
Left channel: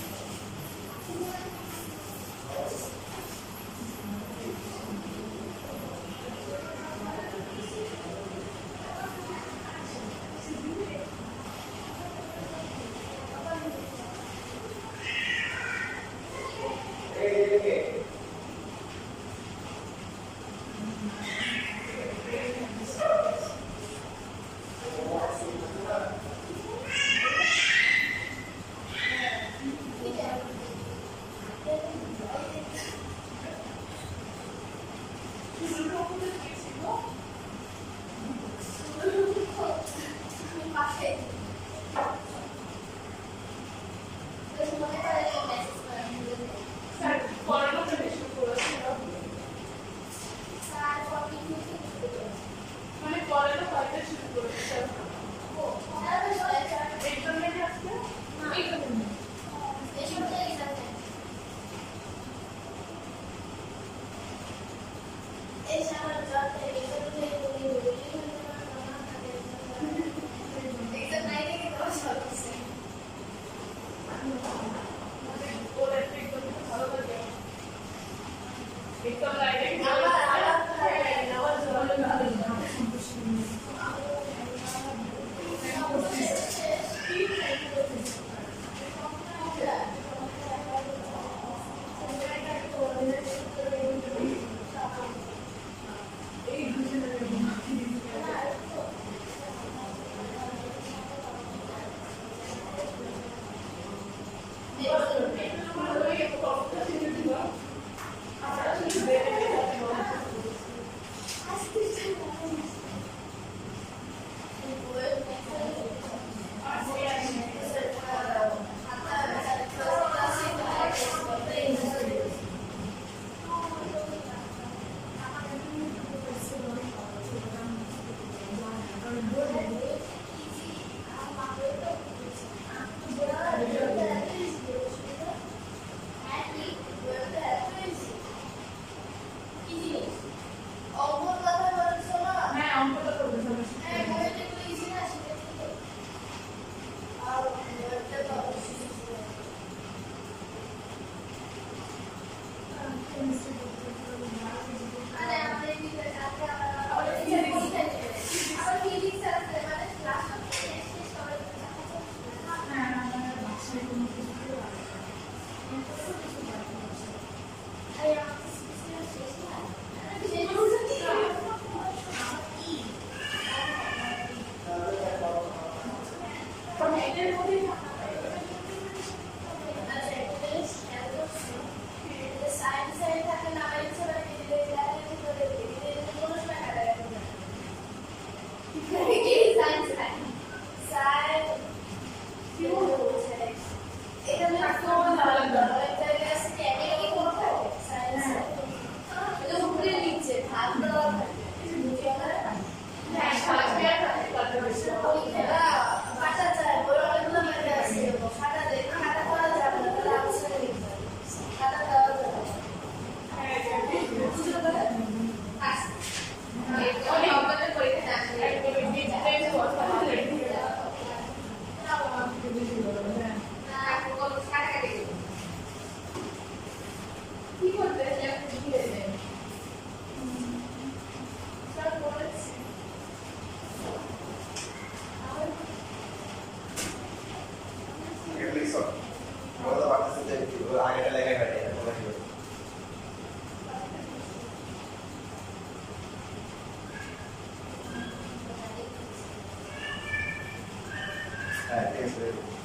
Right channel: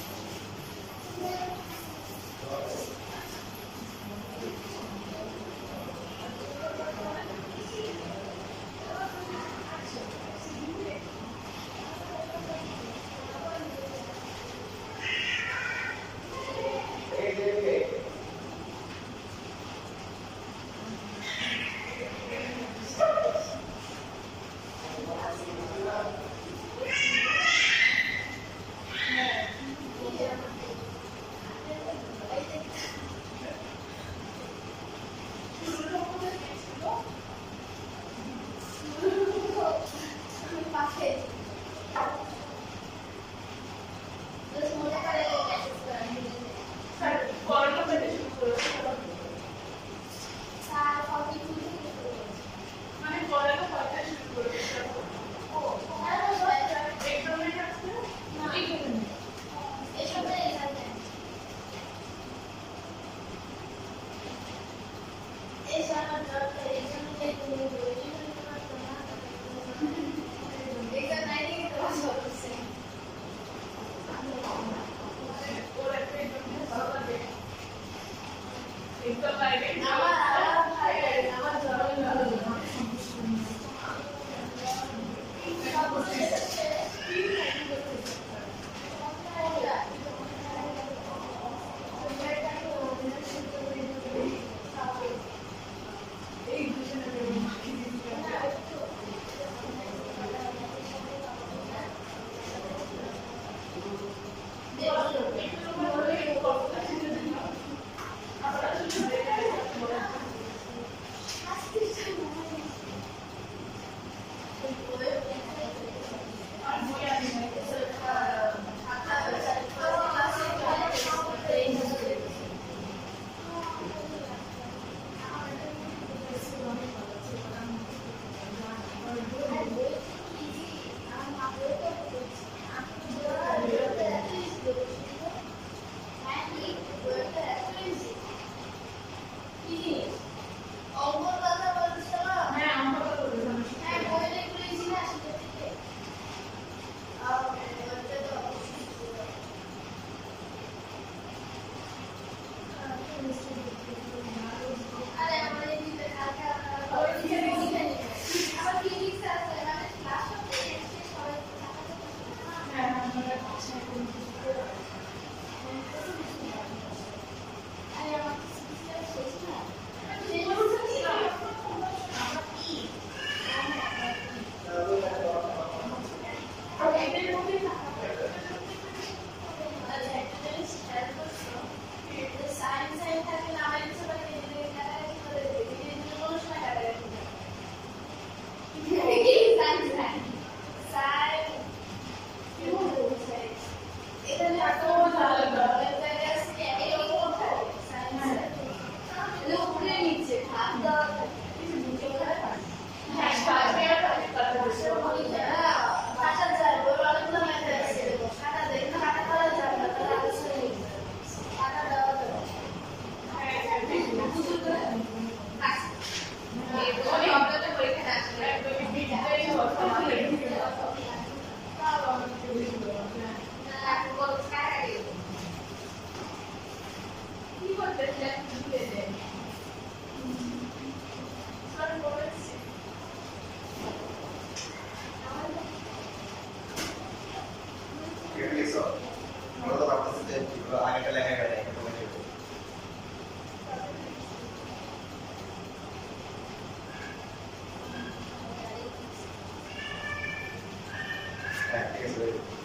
হ্যাঁ ঠিক আছে very good.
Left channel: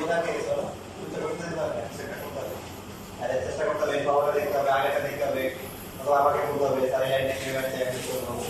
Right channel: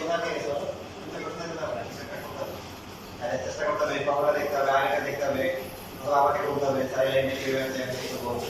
কোথা থেকে এসো তুমি তো কোথা থেকে যাবে চেষ্টা করতে হবে আরে চেষ্টা করতে হবে পাওয়াটা দেখতে হবে আগেটা দেখতে হবে তো আমাকে বলতে হবে তাই লাইনে কি হয়েছে আমি কি করব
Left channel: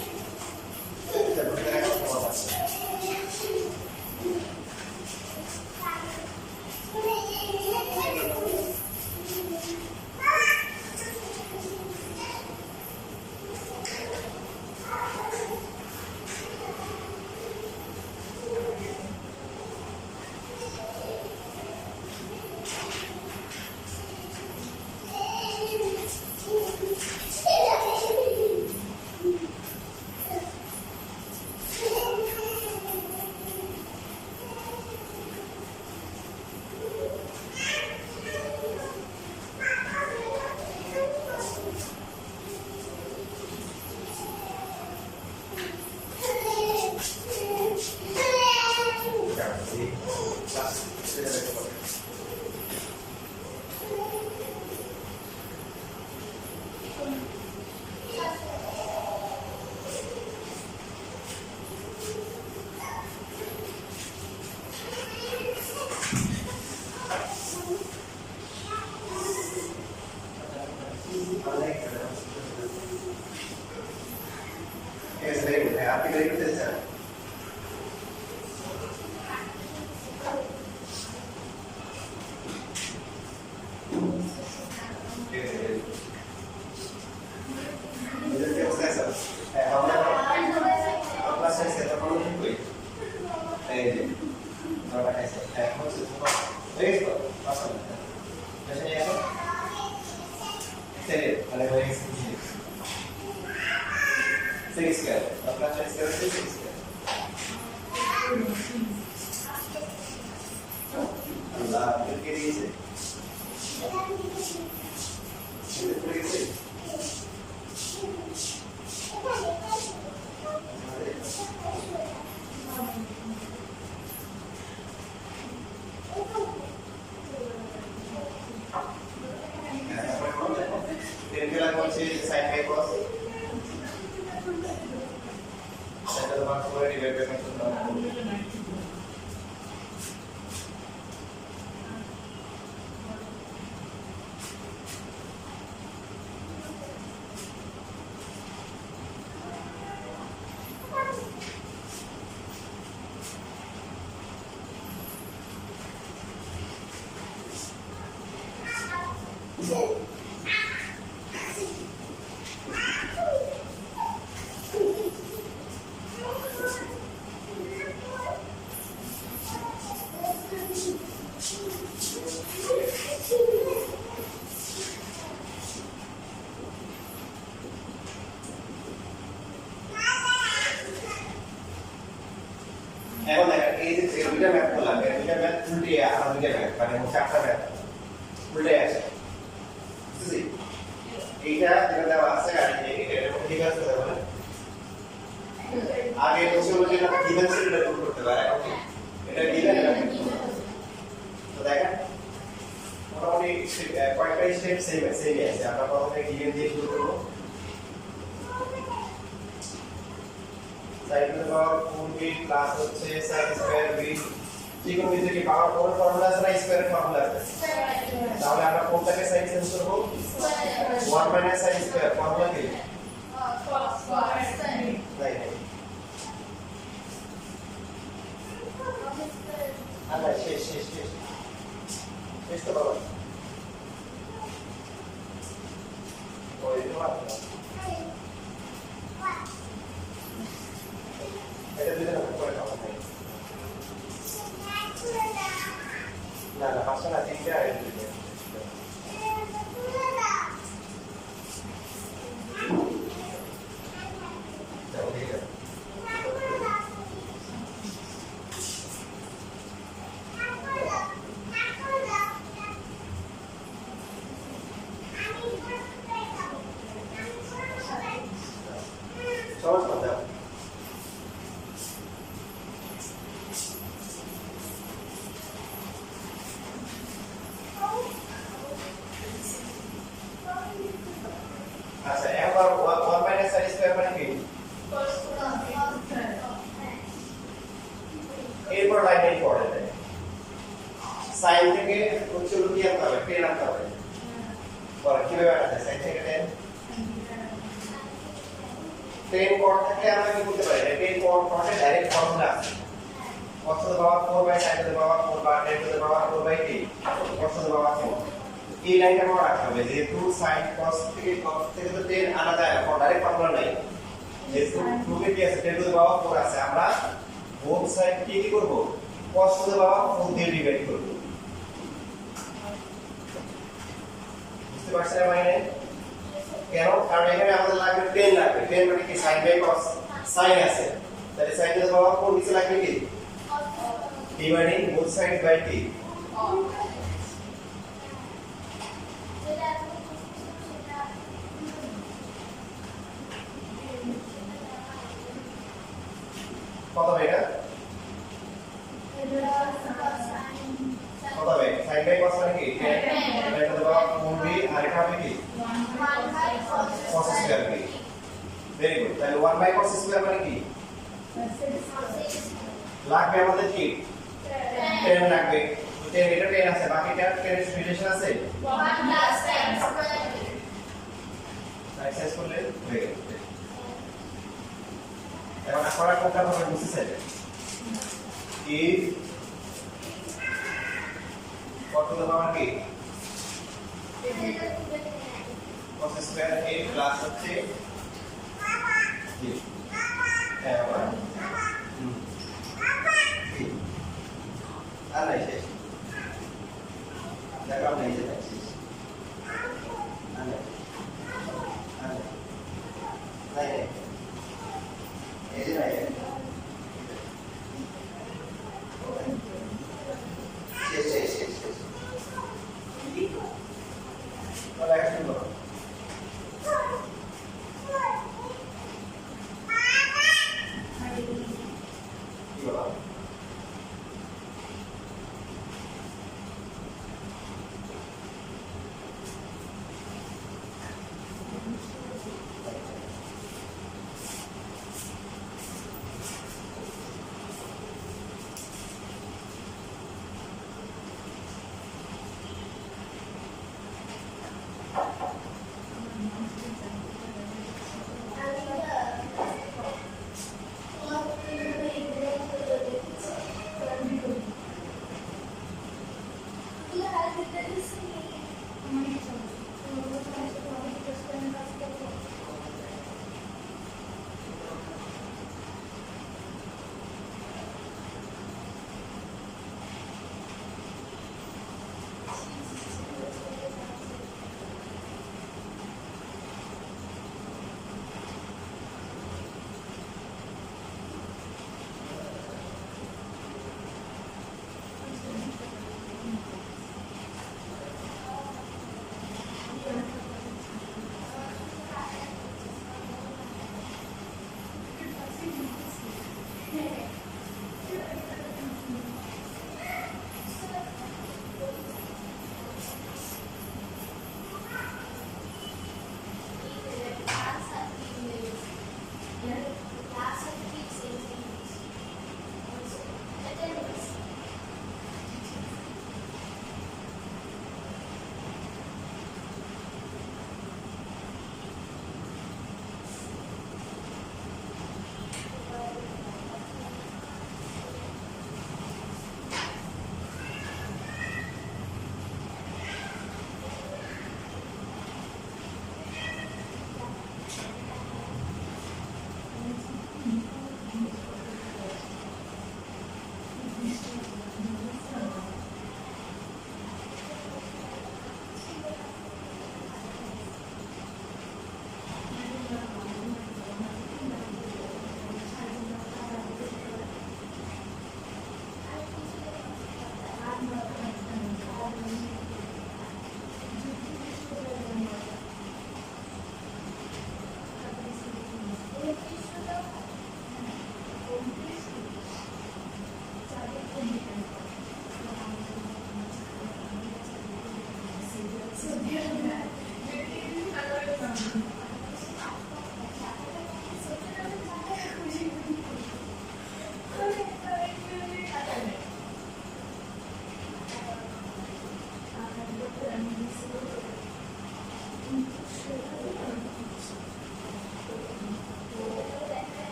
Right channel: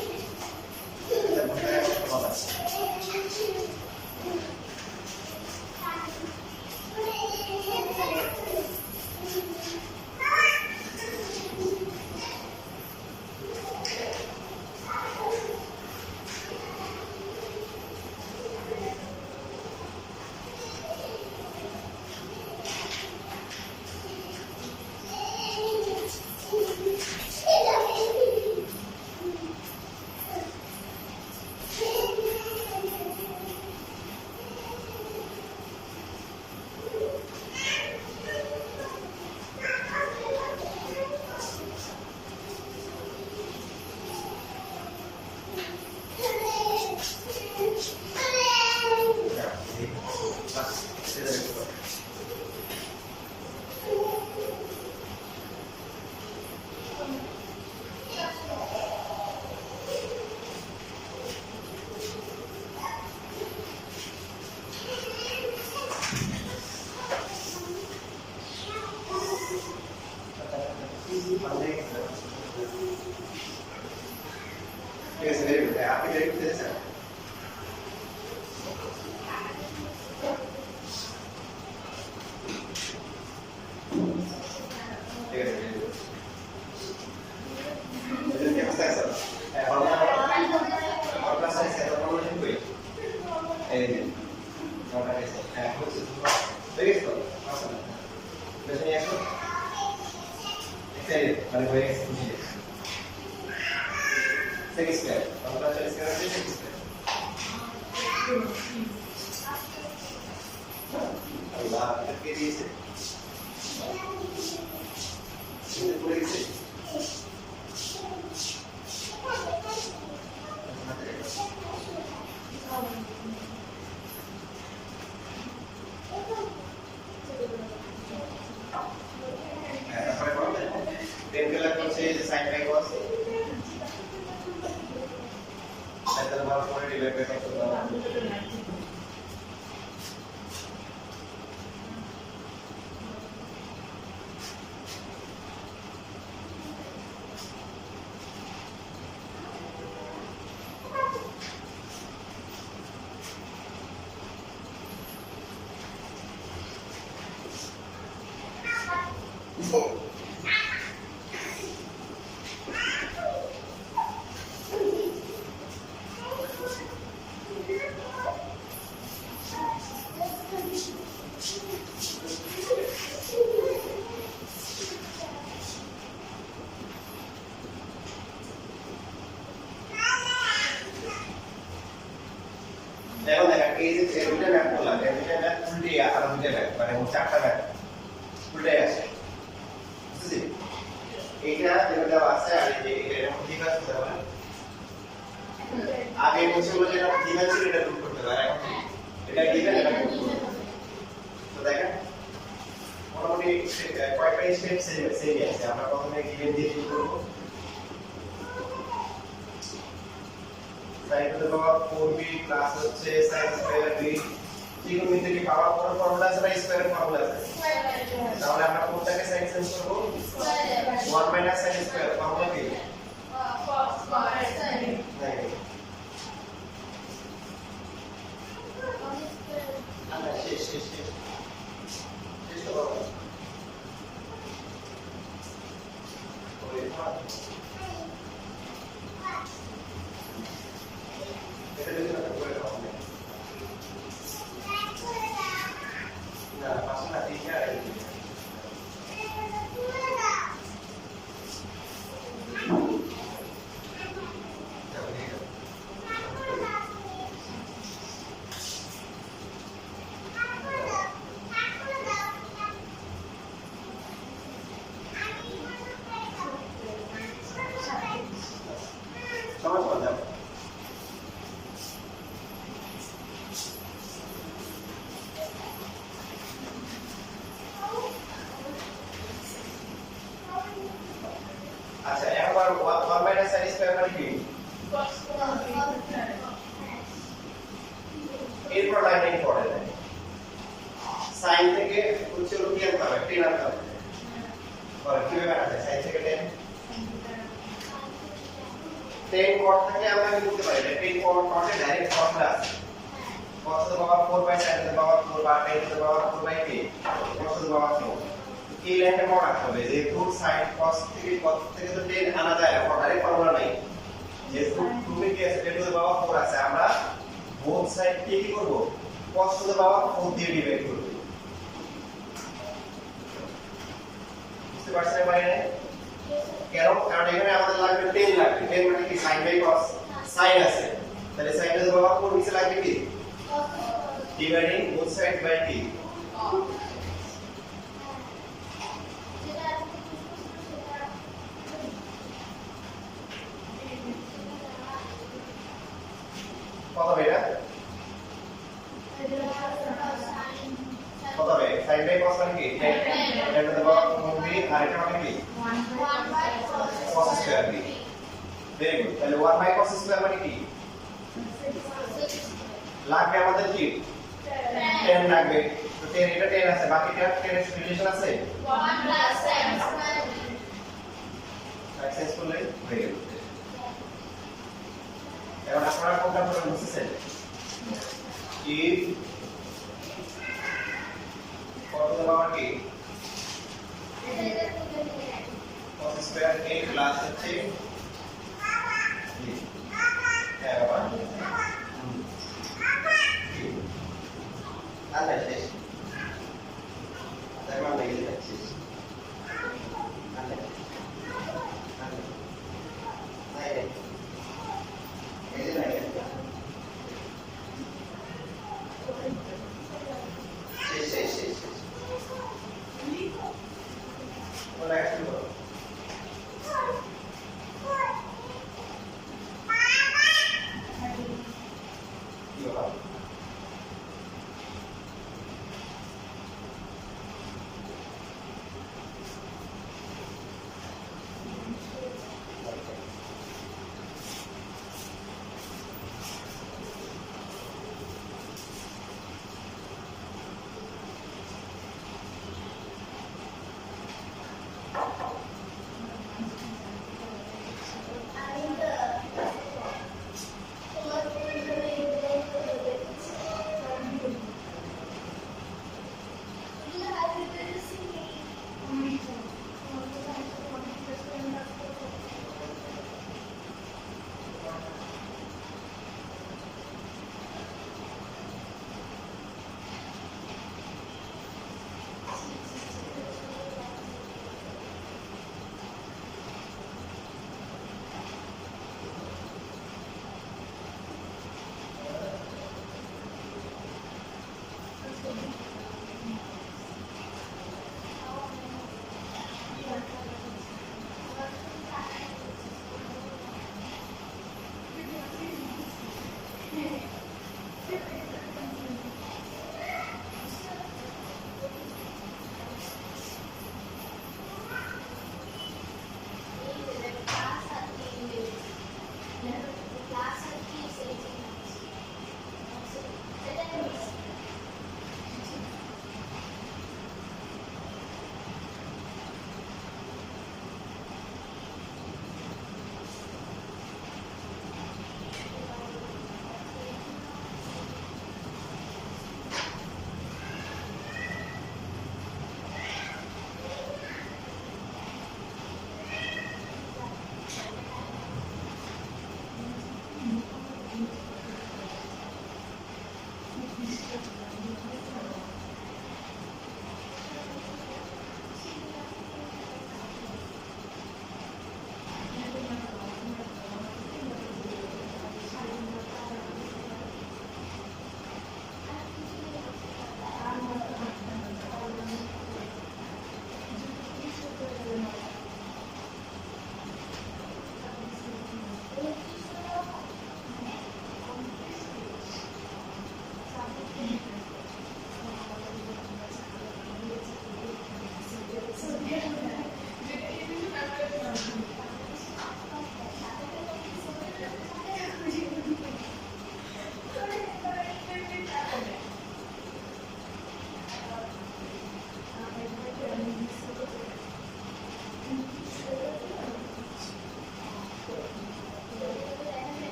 Yes, very good. आपकी very good है सर. Yes, very good. इधर क्या होता है सर? हम क्लास साइज का तो नहीं कोई. और ऐसे हो सकता है. Very good. Awesome. वैसे ये सर. Exterior. अरे very exterior. Six square. और क्लास साइज का 6 square. Allah, फिर के लिए से. इसे पूरे से. কত দাও এখন দেখেন এই যে দুইটা ম্যাপ করলাম এই দুইটা ম্যাপ উল্টে আর দুইটা ম্যাপ মানে চারটা ম্যাপ উল্টে আছে বুঝছি এইটা যেটা দেওয়া আছে আর এই যে এটা ঠিক আছে তাহলে আগে বলছিল যে এটা গিভেন ছিল এটা প্রুভ করতে পারে এখন এটা গিভেন এটা প্রুভ করতে হবে তো দেখেন মোটামুটি কয়েকটা স্টেপ সেম আছে আমরা প্রথমে গিভেন দিয়ে শুরু করব sin to the power 4b plus হচ্ছে sin square b trigonometry কি পাওয়ার কোন ফর্মুলা আছে না স্কয়ার ফর্মুলা আছে তাহলে আমরা কোনটাকে sin চেঞ্জ করব 1 sin square ফর্মুলা কি cos square sin আচ্ছা শেষ করো ওই এটা দিলে না করে দাও না পাঁচটা না তিনটা আর দিলে সমস্যা আচ্ছা এবার 1 sin স্কয়ার মানে কি এরপর লাইন পড়ে যায় sin থেকে হচ্ছে কি আনতে হবে 10 আনতে হবে পরে কিভাবে আনতে sin থেকে 10 কট থেকে আমরা কি করতে পারি 10 কটে ডাইরেক্ট ফর্মুলা আছে cos to the power 4 by sin to the power 4 বা 10 to the power 4 by t cos to the power 4 এই লাইনটা আমরা রাখতে হবে যেহেতু sin cos থেকে তো 10 আনা যায় না ডাইরেক্ট ফর্মুলা নাই যেহেতু প্রুফে কি আছে 10 to the power 4 আছে আমরা বোথ সাইড কি করব cos to the power 4 দিয়ে ডিভাইড করব বুঝতে পারছেন মানে কেন কারণ এখানে আমাদের লাগবে 10 লাগবে 10 মানে কি sin বাই cos sin আছে তাহলে sin to the power 4 নিচে লাগবে কি dividing both side by t কত হবে এটা কত হবে sin বাই cos মানে কি 10 এটা তো বাবা 4b আর এটা হবে কি 1 by cos square b very good তাহলে 1 বাই cos স্কয়ার মানে কি লাগবে আমাদের কি 10 লাগবে তো 10 এটা 10 আছে বাকিটা 10 এর রিলেশন আছে 1 plus sin square এক্সারসাইজ করলে হয়ে গেল এখন আপনারা কোনটা করবেন বুঝছেন if cos to the power কি cos স্কয়ার a প্লাস হচ্ছে হ্যাঁ বাবা আরে শেষ দেখো নেই শেষ আরে আরে নাই এই যে নাই শেষ বলা একটু বলো কি বলো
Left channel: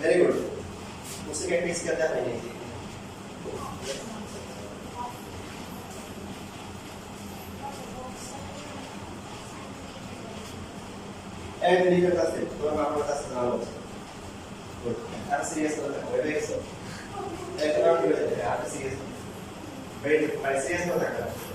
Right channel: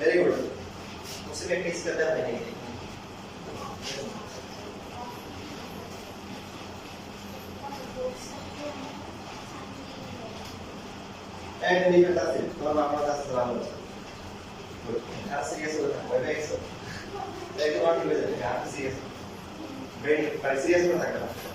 वेरी गुड उसी में टेक्स्ट करता है नहीं एंड नहीं करता सिर्फ थोड़ा मामला था सलाम गुड आप सीरियस हो रहे हो वेरी सो एक बार भी हो जाएगा आप सीरियस वेरी सीरियस हो सकता है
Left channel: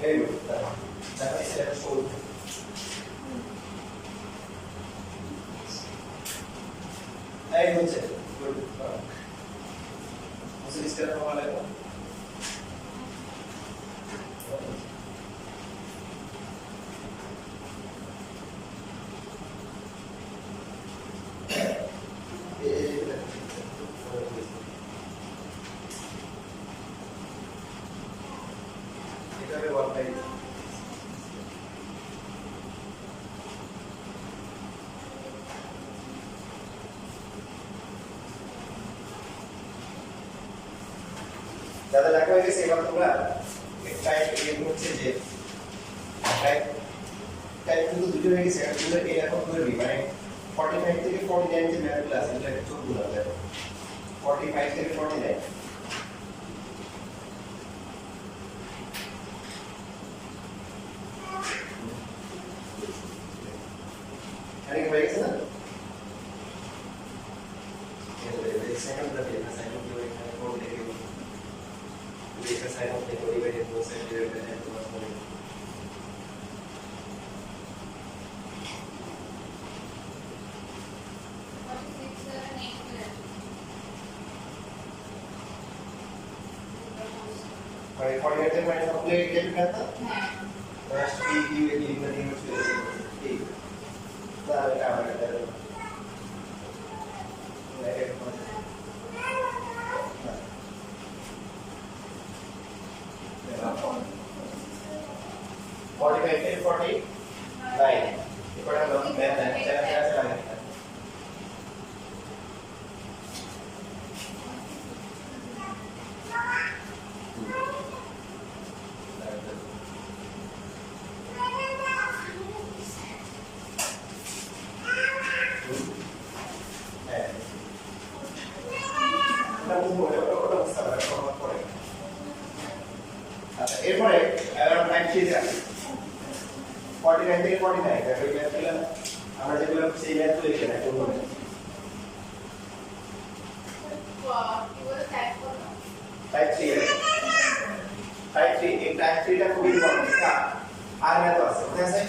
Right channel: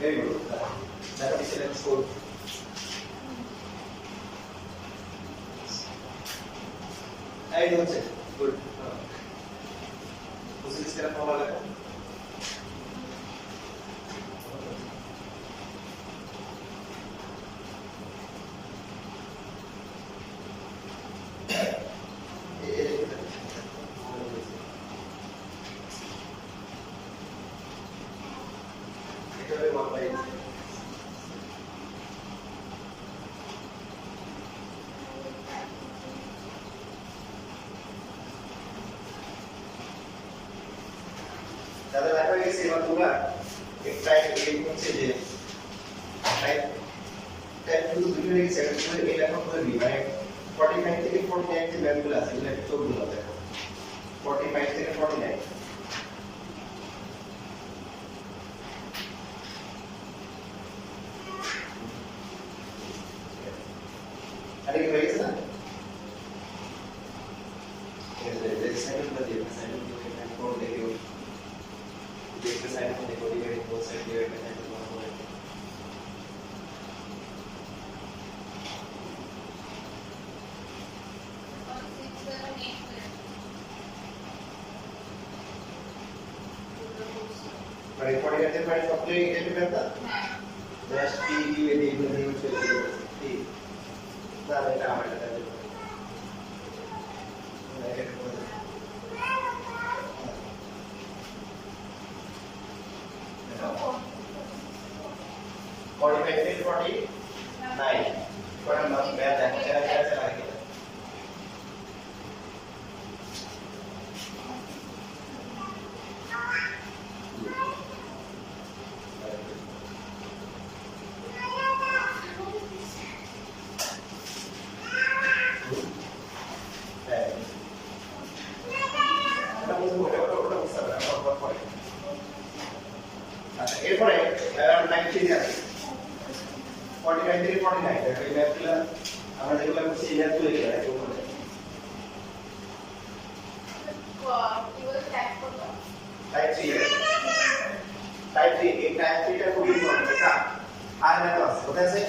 Very good. That is a score. I don't say. Good. उसे इस तरह वाला है. दादा लाखों की सेवा दूंगा एक टाइप एक मुख से जे टाइप टाइप तो दूसरे में की सेकंड पूरे ए लाखों पूरे भी मैंने 45 থেকে 49 যে ম্যাথগুলো আছে এগুলো একটু ভুল হবে 45 থেকে 49 সাইড মধ্যে divided both side divided by 9 Right, 48 and minus apply get करता next p q a d nothing is t that is our negative 45 and 49 ऊपर हम लोग बैठ रहे हैं चला गया এরপরে अराउंड 90 আছে 49 থেকে 49 দেখো এই ম্যাথগুলো আমরা যেগুলো সেই ম্যাথগুলো লিখে রাখি ওগুলো টাইপ 3 আছে টাইপ 3 এই টাইপ 3 টা খুব ইম্পর্টেন্ট এটা আর ম্যাথ আছে কোথায় আছে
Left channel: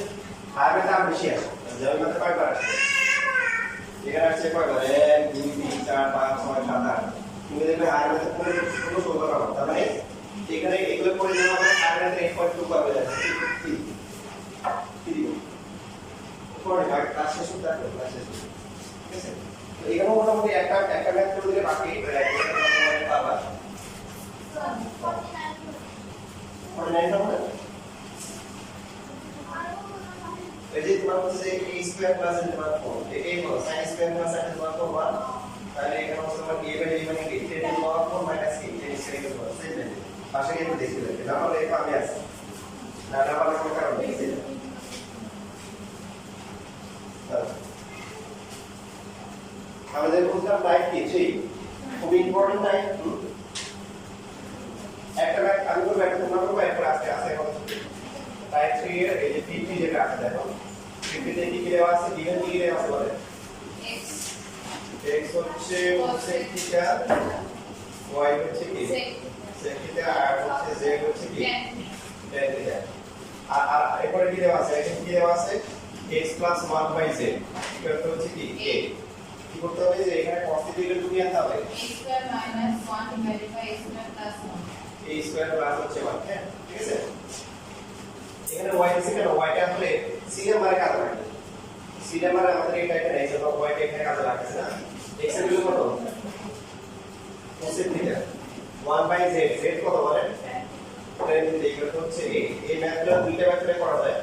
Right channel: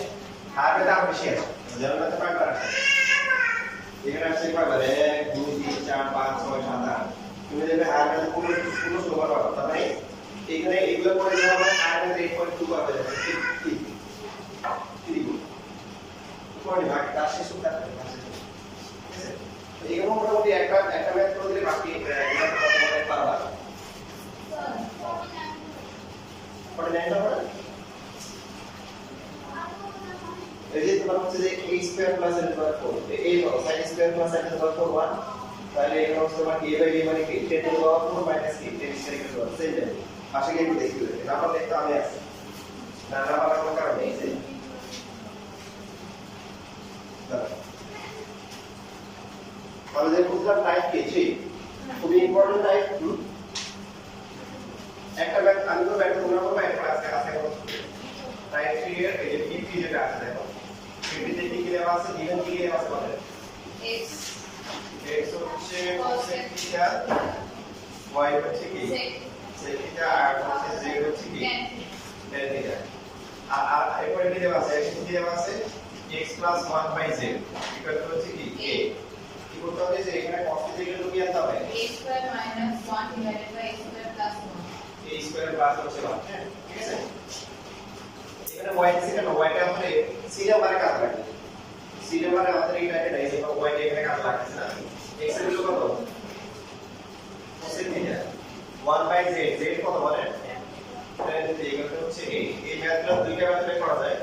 আর ম্যাথ আর বেশি আছে যেমন ম্যাথ কয়বার আছে এখানে আছে কয়বার 1 2 3 4 5 6 7 8 তুমি দেখবে আর ম্যাথ কোনো সবার হবে তার মানে এখানে এগুলো করে দেওয়া মানে আর ম্যাথ 8.2 পাবে ঠিক করে ভাগ তার শেষ উত্তর করে তার শেষ ঠিক আছে তো এখানে মোটামুটি একটা ম্যাথ করে দিলে বাকি এটা তোমাদের পারবা 49 হবে এই যে তোমার হচ্ছে যে a স্কয়ার প্লাস n পাওয়ার 4 এই হলো sin স্কয়ার প্লাস n পাওয়ার 4 1 তাহলে এখানে হচ্ছে তোমার a বাই b মানে কি 10 টু পাওয়ার 4 মাইনাস কি 10 স্কয়ার এর পাওয়ার সেম ভ্যালু পাশে একটু দেখি নাম্বার লেখা আমি আছে না নাম্বার লেখার কারণ নেই আমাদের বুঝলাম টাইপ কি 3 খুব ইম্পর্টেন্ট টাইপ একটা ম্যাথ আমি তো ম্যাথ তোমরা করবে একটা আজকে আছে টাইপ 3 এর এই যে 50 যেটা আছে দেখো 50 তে কি দেওয়া আছে গিভেন কি দেওয়া আছে বলে x হচ্ছে sec থিটা y হচ্ছে কি sec থিটা আর হচ্ছে z হচ্ছে কি tan থিটা আর এরপরে কি দেওয়া আছে এখানে কি দেওয়া আছে x 1/z এটা হচ্ছে কি a কি করতে হবে যে এখানে cos থিটা এর তুমি আনতে হবে a square minus 1 divided by a square plus 1 a square plus হচ্ছে 1 হ্যাঁ ঠিক আছে এখানে y আছে কেন y টা হলে c নাম্বারে কাজ লাগে c নাম্বারে আমাদের এই টাইপে নাই যে y টা এখানে কাজ লাগছে না x এর ভ্যালু কত cos থিটা 1/z z কত বলেন tan থিটা এটা হচ্ছে a এই ম্যাথগুলো দুইটা ম্যাথে করা যায়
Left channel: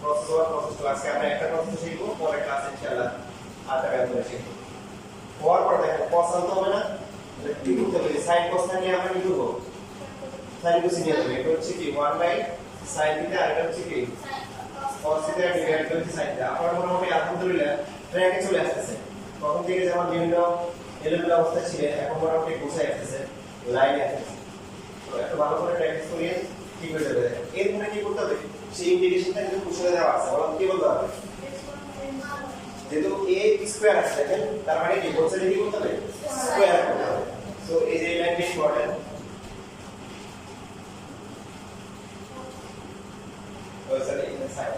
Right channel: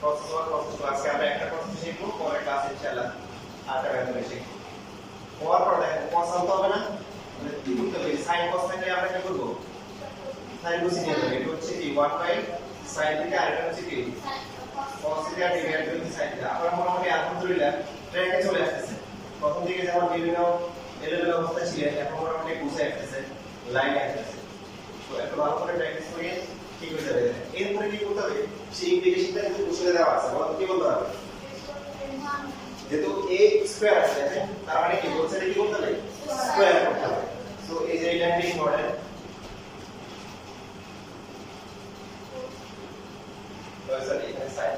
cos 1 cos 2 আজকে আমরা একটা cos শিখব পরে ক্লাস ইনশাআল্লাহ আরেকটা ম্যাথ শিখব হওয়ার পর দেখো cos আনতে হবে না তাহলে কি করতে হবে sin cos থাকলে আমরা কি করব sin cos নিয়ে যাবে এটা হচ্ছে কি 1/sin থিটা আর এটা হচ্ছে কি cos theta divide by sin theta আমরা মোটামুটি আলহামদুলিল্লাহ ট্র্যাকে চলে আসছে প্রথম দিকে যেমন বিভিন্ন এলোমেলো অবস্থা ছিল এখন মোটামুটি গুছায় আসছে লাইনে আসছে তো একটু ভালো করে প্র্যাকটিস করিয়ে ঠিক হয়ে যাবে এরপরে কি করতে হবে সেই ইন্টিগ্রেশনটা কিন্তু কুশলে দেওয়া আছে বলো কি বলতে হবে যেহেতু a স্কয়ার আছে দেখেন তার মানে কি বলছে কি করতে হবে স্কয়ার করতে হবে সো এই যে লাইনটি ইম্পর্টেন্ট তো স্যার এখানে সাইড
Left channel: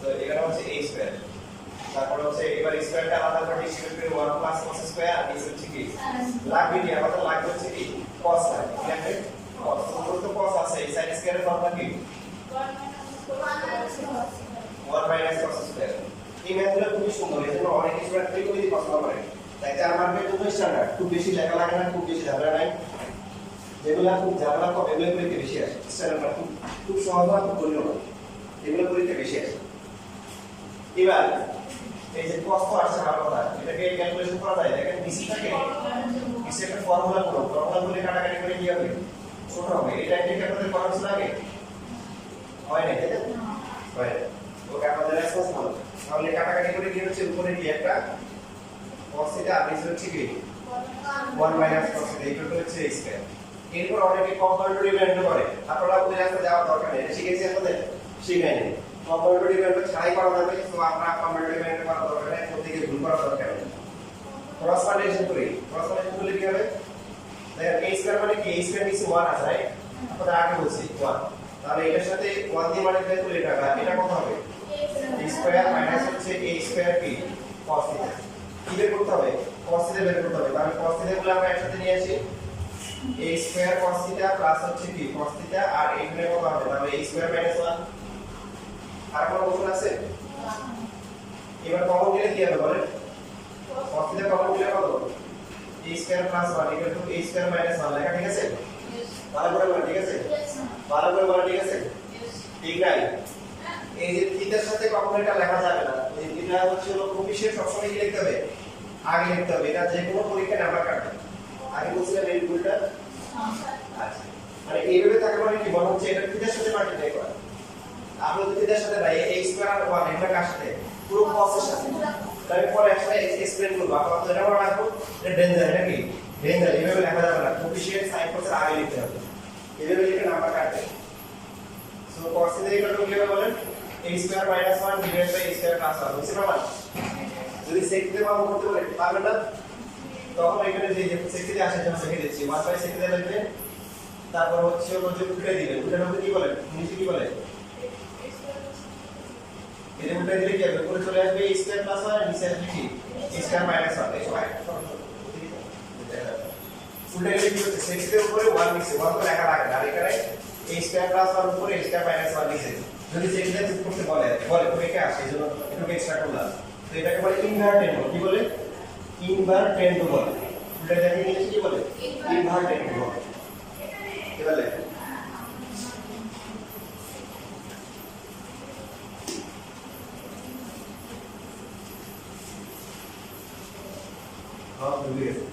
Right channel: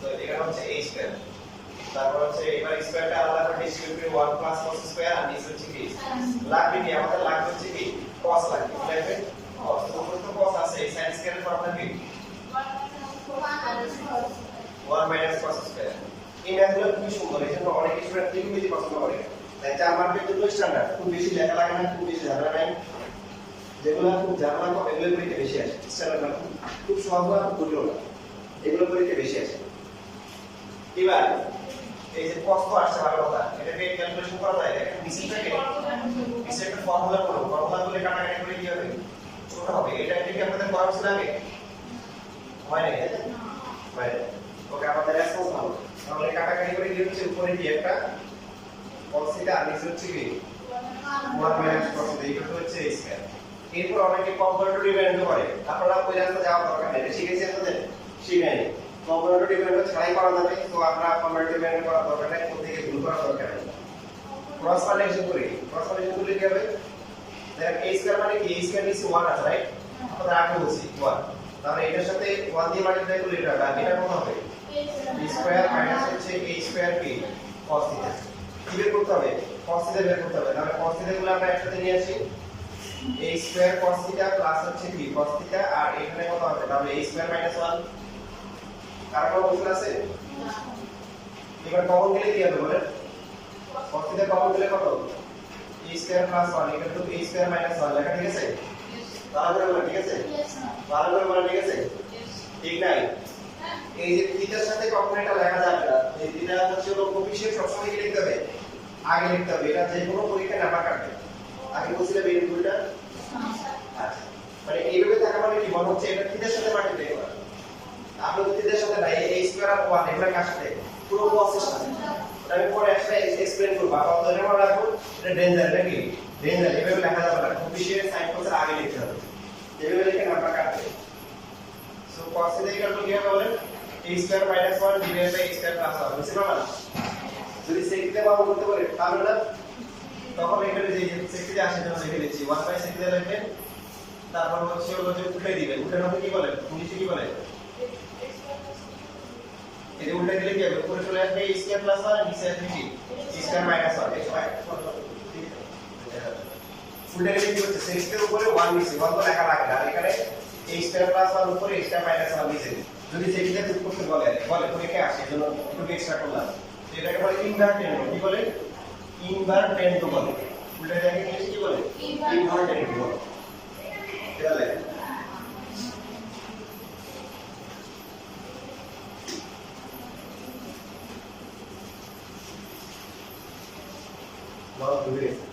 তো এখানে হচ্ছে a স্কয়ার তারপর হচ্ছে এবার স্কয়ারটা আলাদা করে ডিস্ট্রিবিউট করে 1 প্লাস cos স্কয়ার আর নিচে হচ্ছে কি লাগবে কি আমাদের লাগবে হচ্ছে কি cos লাগবে কি লাগবে cos তো cos আছে এই sin স্কয়ারের ফর্মুলা কি 1 minus cos স্কয়ার এই ম্যাথগুলো খুবই সুন্দর এজন্য অনেক স্টুডেন্ট খুবই পছন্দ করে তাই 4 মার্কের জন্য স্ট্যান্ডার্ড খুব বেশি লেখা লাগে না খুব বেশি ঝামেলা নাই যেগুলো খুব ঝামেলা কম এগুলো পরীক্ষা বেশি আসে স্ট্যান্ডার্ড খুব সহজ আর কঠিন না এগুলো পরীক্ষা বেশি আসে এবার এই যে cos তো আসছে ভালো কথা এটাকে ক্যালকুলেশন করা যায় দেখেন বিসিটাকে বিসি একটা ফর্মুলা গুলো কাটাকাটি করে কি হবে ছোট হবে এটা কি আপনাদের করা ছিল আগে হয় না তাই না হয় ওকে আমাদের রেসপন্স ভালো তাহলে কাটাকাটি করে কি হচ্ছে উপরে কি একটা cos থিটা আর নিচে হচ্ছে কি 1 মাইনাস cos থিটা এটা হচ্ছে a স্কয়ার এরপর অনেকে কম্পারেটরি ভ্যালু করে আপনারা ওই রাস্তা যাওয়ার দরকার নেই এটা শিখেছি আপনাদের শিখাইনি কম্পারেটরি ভ্যালু ছাড়াই করা যাবে তো আমরা কম্পারেটরি ভ্যালু করা দরকার নেই কোন থেকে ভুল করা দরকার নেই ক্রস মাল্টিপ্লিকেশন করি ক্রস মাল্টিপ্লিকেশন করলে কি হবে দেন a স্কয়ার মানে কি a স্কয়ার নিচে 1 আছে রাইট আমরা আগে বলছি 1 তাহলে এটার সাথে 1 দিয়ে মাল্টিপ্লাই করলে এটা হবে এটা কত হবে b স্কয়ার মাইনাস হচ্ছে a স্কয়ার কি cos থিটা কি বের করতে হবে cos থিটা বের করতে হবে তাহলে cos থিটা গুলো আমরা একসাথে নিয়ে আসি a square cos theta plus হচ্ছে কি cos থিটা আর এখানে কত হবে তাহলে a স্কয়ার মাইনাস 1 আর কোনো অপশন আছে এবার কমন গেলে কি হবে বলেন cos থিটা কমন গেলে কত a square plus 1 equal to a square minus 1 লেখা ঠিক আছে ভালো করে বলেন ঠিক আছে ভালো করে বলেন ঠিক আছে ঠিক নাই এই যে থিটার সাথে কখনো এটা লেখা যাবে না এই থিটা হচ্ছে হলো কোফিশিয়েন্ট সবসময় কি লিখতে হবে আগে লিখতে হবে এটা যে কোনো পরীক্ষায় নাম্বার কাটবে আগে বলছিলাম এই রুলটা আচ্ছা মানে এইভাবে থাকা মানে কি মনে হচ্ছে এটা থিটার সাথে মাল্টিপ্লাই করা আপনি থিটার সাথে না এই স্কয়ার আর 1 এটা কার সাথে পুরো cos এর সাথে তাই পরে একটা এক্সপ্লেইন করব আপনারা এটা মনে রাখুন এটা ডেঞ্জার নাকি ডেঞ্জার এইভাবে লেখা যাবে না কোফিশিয়েন্ট সাইন কোসের আগে লিখতে হবে এইভাবে লিখে নাম্বার কাটবে so cos theta equal to কি হবে বলেন a square minus 1 divide by a square plus 1 বুঝতে পারলেন যদি sec থিটা বাবু করতে বলে পারবেন না তখন এখানে যে sec থিটা আসে জন্য লিখে দিচ্ছি 1 বাই sec থিটা লিখবেন তারপর হচ্ছে ওই যে উল্টে দিবেন উল্টানোর মধ্যে কি বলেন নিচে কি বলেন এটা উল্টে দিলে কি হবে উপরে চলে আসবে a স্কয়ার প্লাস 1 আর নিচে আসবে কি a স্কয়ার মাইনাস 1 এই সময় উল্টে দিলে কি হচ্ছে sec এর উপরে 1 নিচে 1 তো লেখা লাগে না আর এখানে a স্কয়ার প্লাস 1 উপরে a স্কয়ার মাইনাস 1 নিচে যদি sec থিটা যোগ করতে বলে তো কে আসে এজন্য একটু এক্সট্রা করলাম তো এটাকে বলে ইনভার্টেন্ড কি বলে ইনভার্টেন্ড বলে উল্টে দেখে ইংলিশে কি বলে ইনভার্টেন্ড বলে এটা লেখা লস ডুরেশন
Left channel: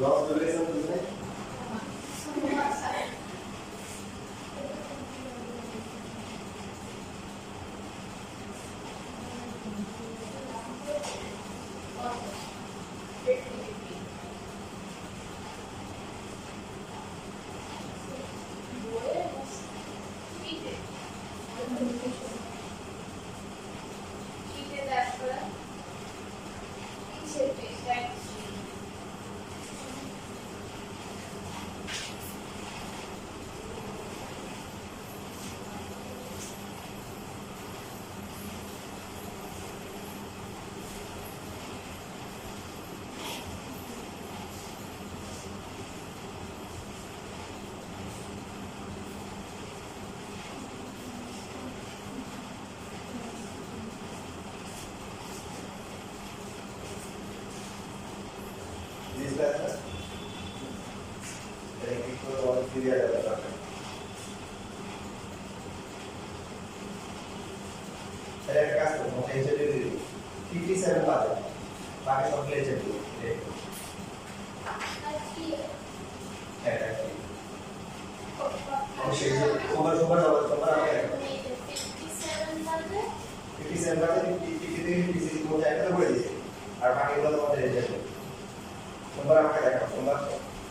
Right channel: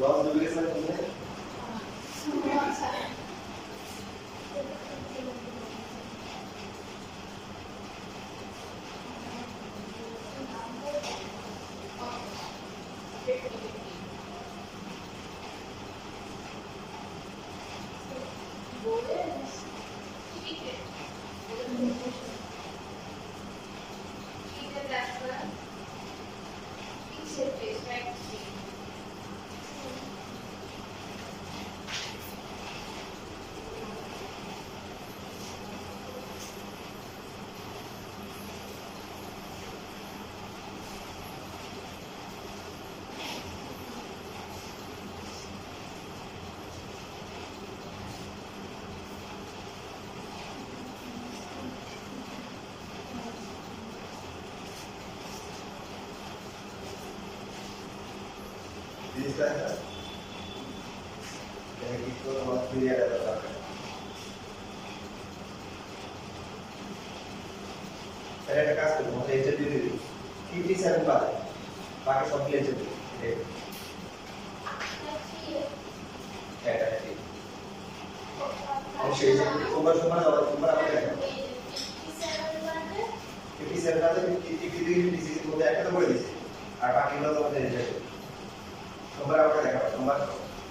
লস ডুরেশন বুঝলে জিনিসটা এই কিছু তোমার ক্লিয়ার হবে তাহলে এটা একটা কাজ করব এই যে 57 পাবে বাকি সব লিখে দেব এটা কি আমি সেই যে ওভার যাওয়ার তোমরা আমাকে দেখো 57 পাবে 52 ডিসির মধ্যে একটা তো বলে দিয়েছি আর বাকিগুলো তোমাদের রেজাল্ট দেব তোমরা আমাকে দেখাও তোমরা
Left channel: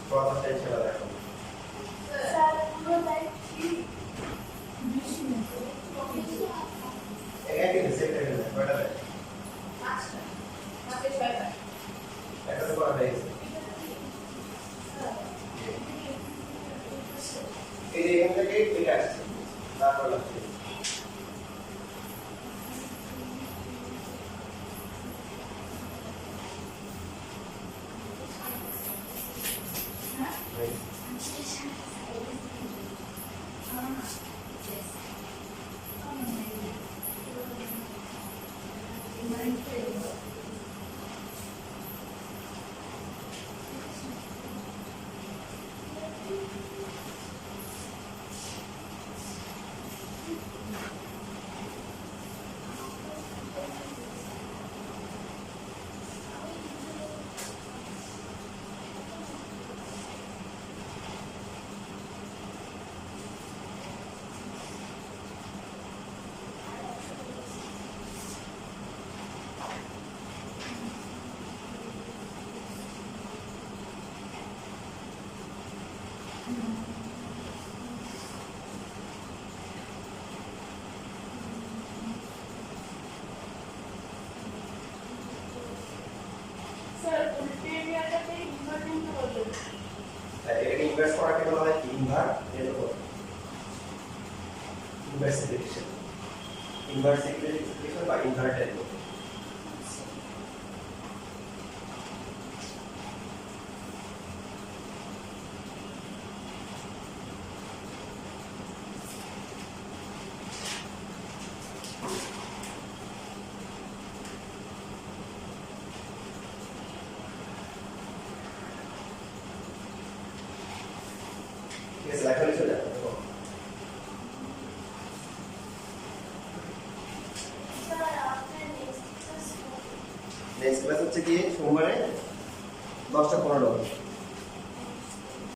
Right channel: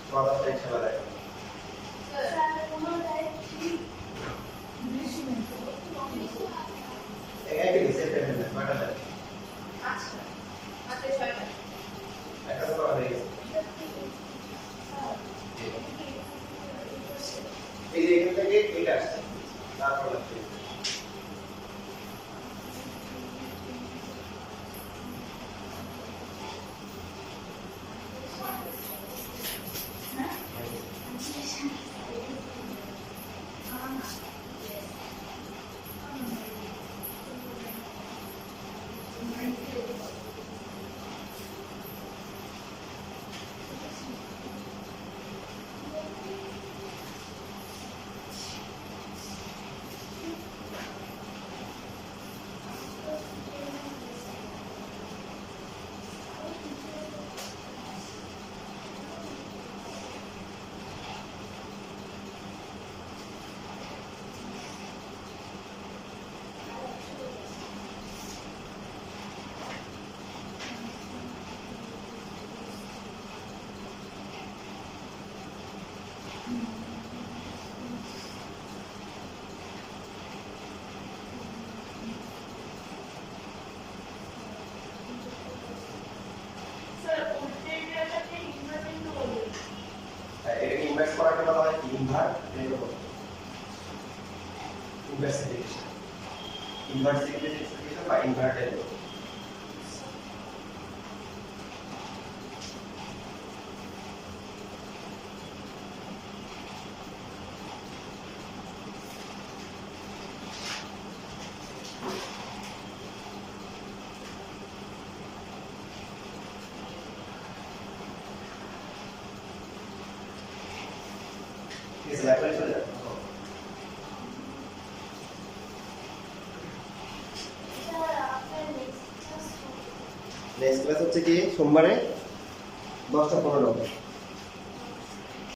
প্রথম স্টেজ খেলা দেখো একই সেট করে না কয়টা দেয় আচ্ছা মাত্র 6টা এটা তো করা হয়ে গেছে এই যে এখান থেকে এটা আসছে তারপর লাগছে ইনভার্স করাকে বলা হয় ইনভার্সিফিকেশন বা ইনভার্টেড। Yes, লাইব্রেরি চলে যাবে। নেক্সট ক্লাস হচ্ছে কি সোমবারে 10টা 15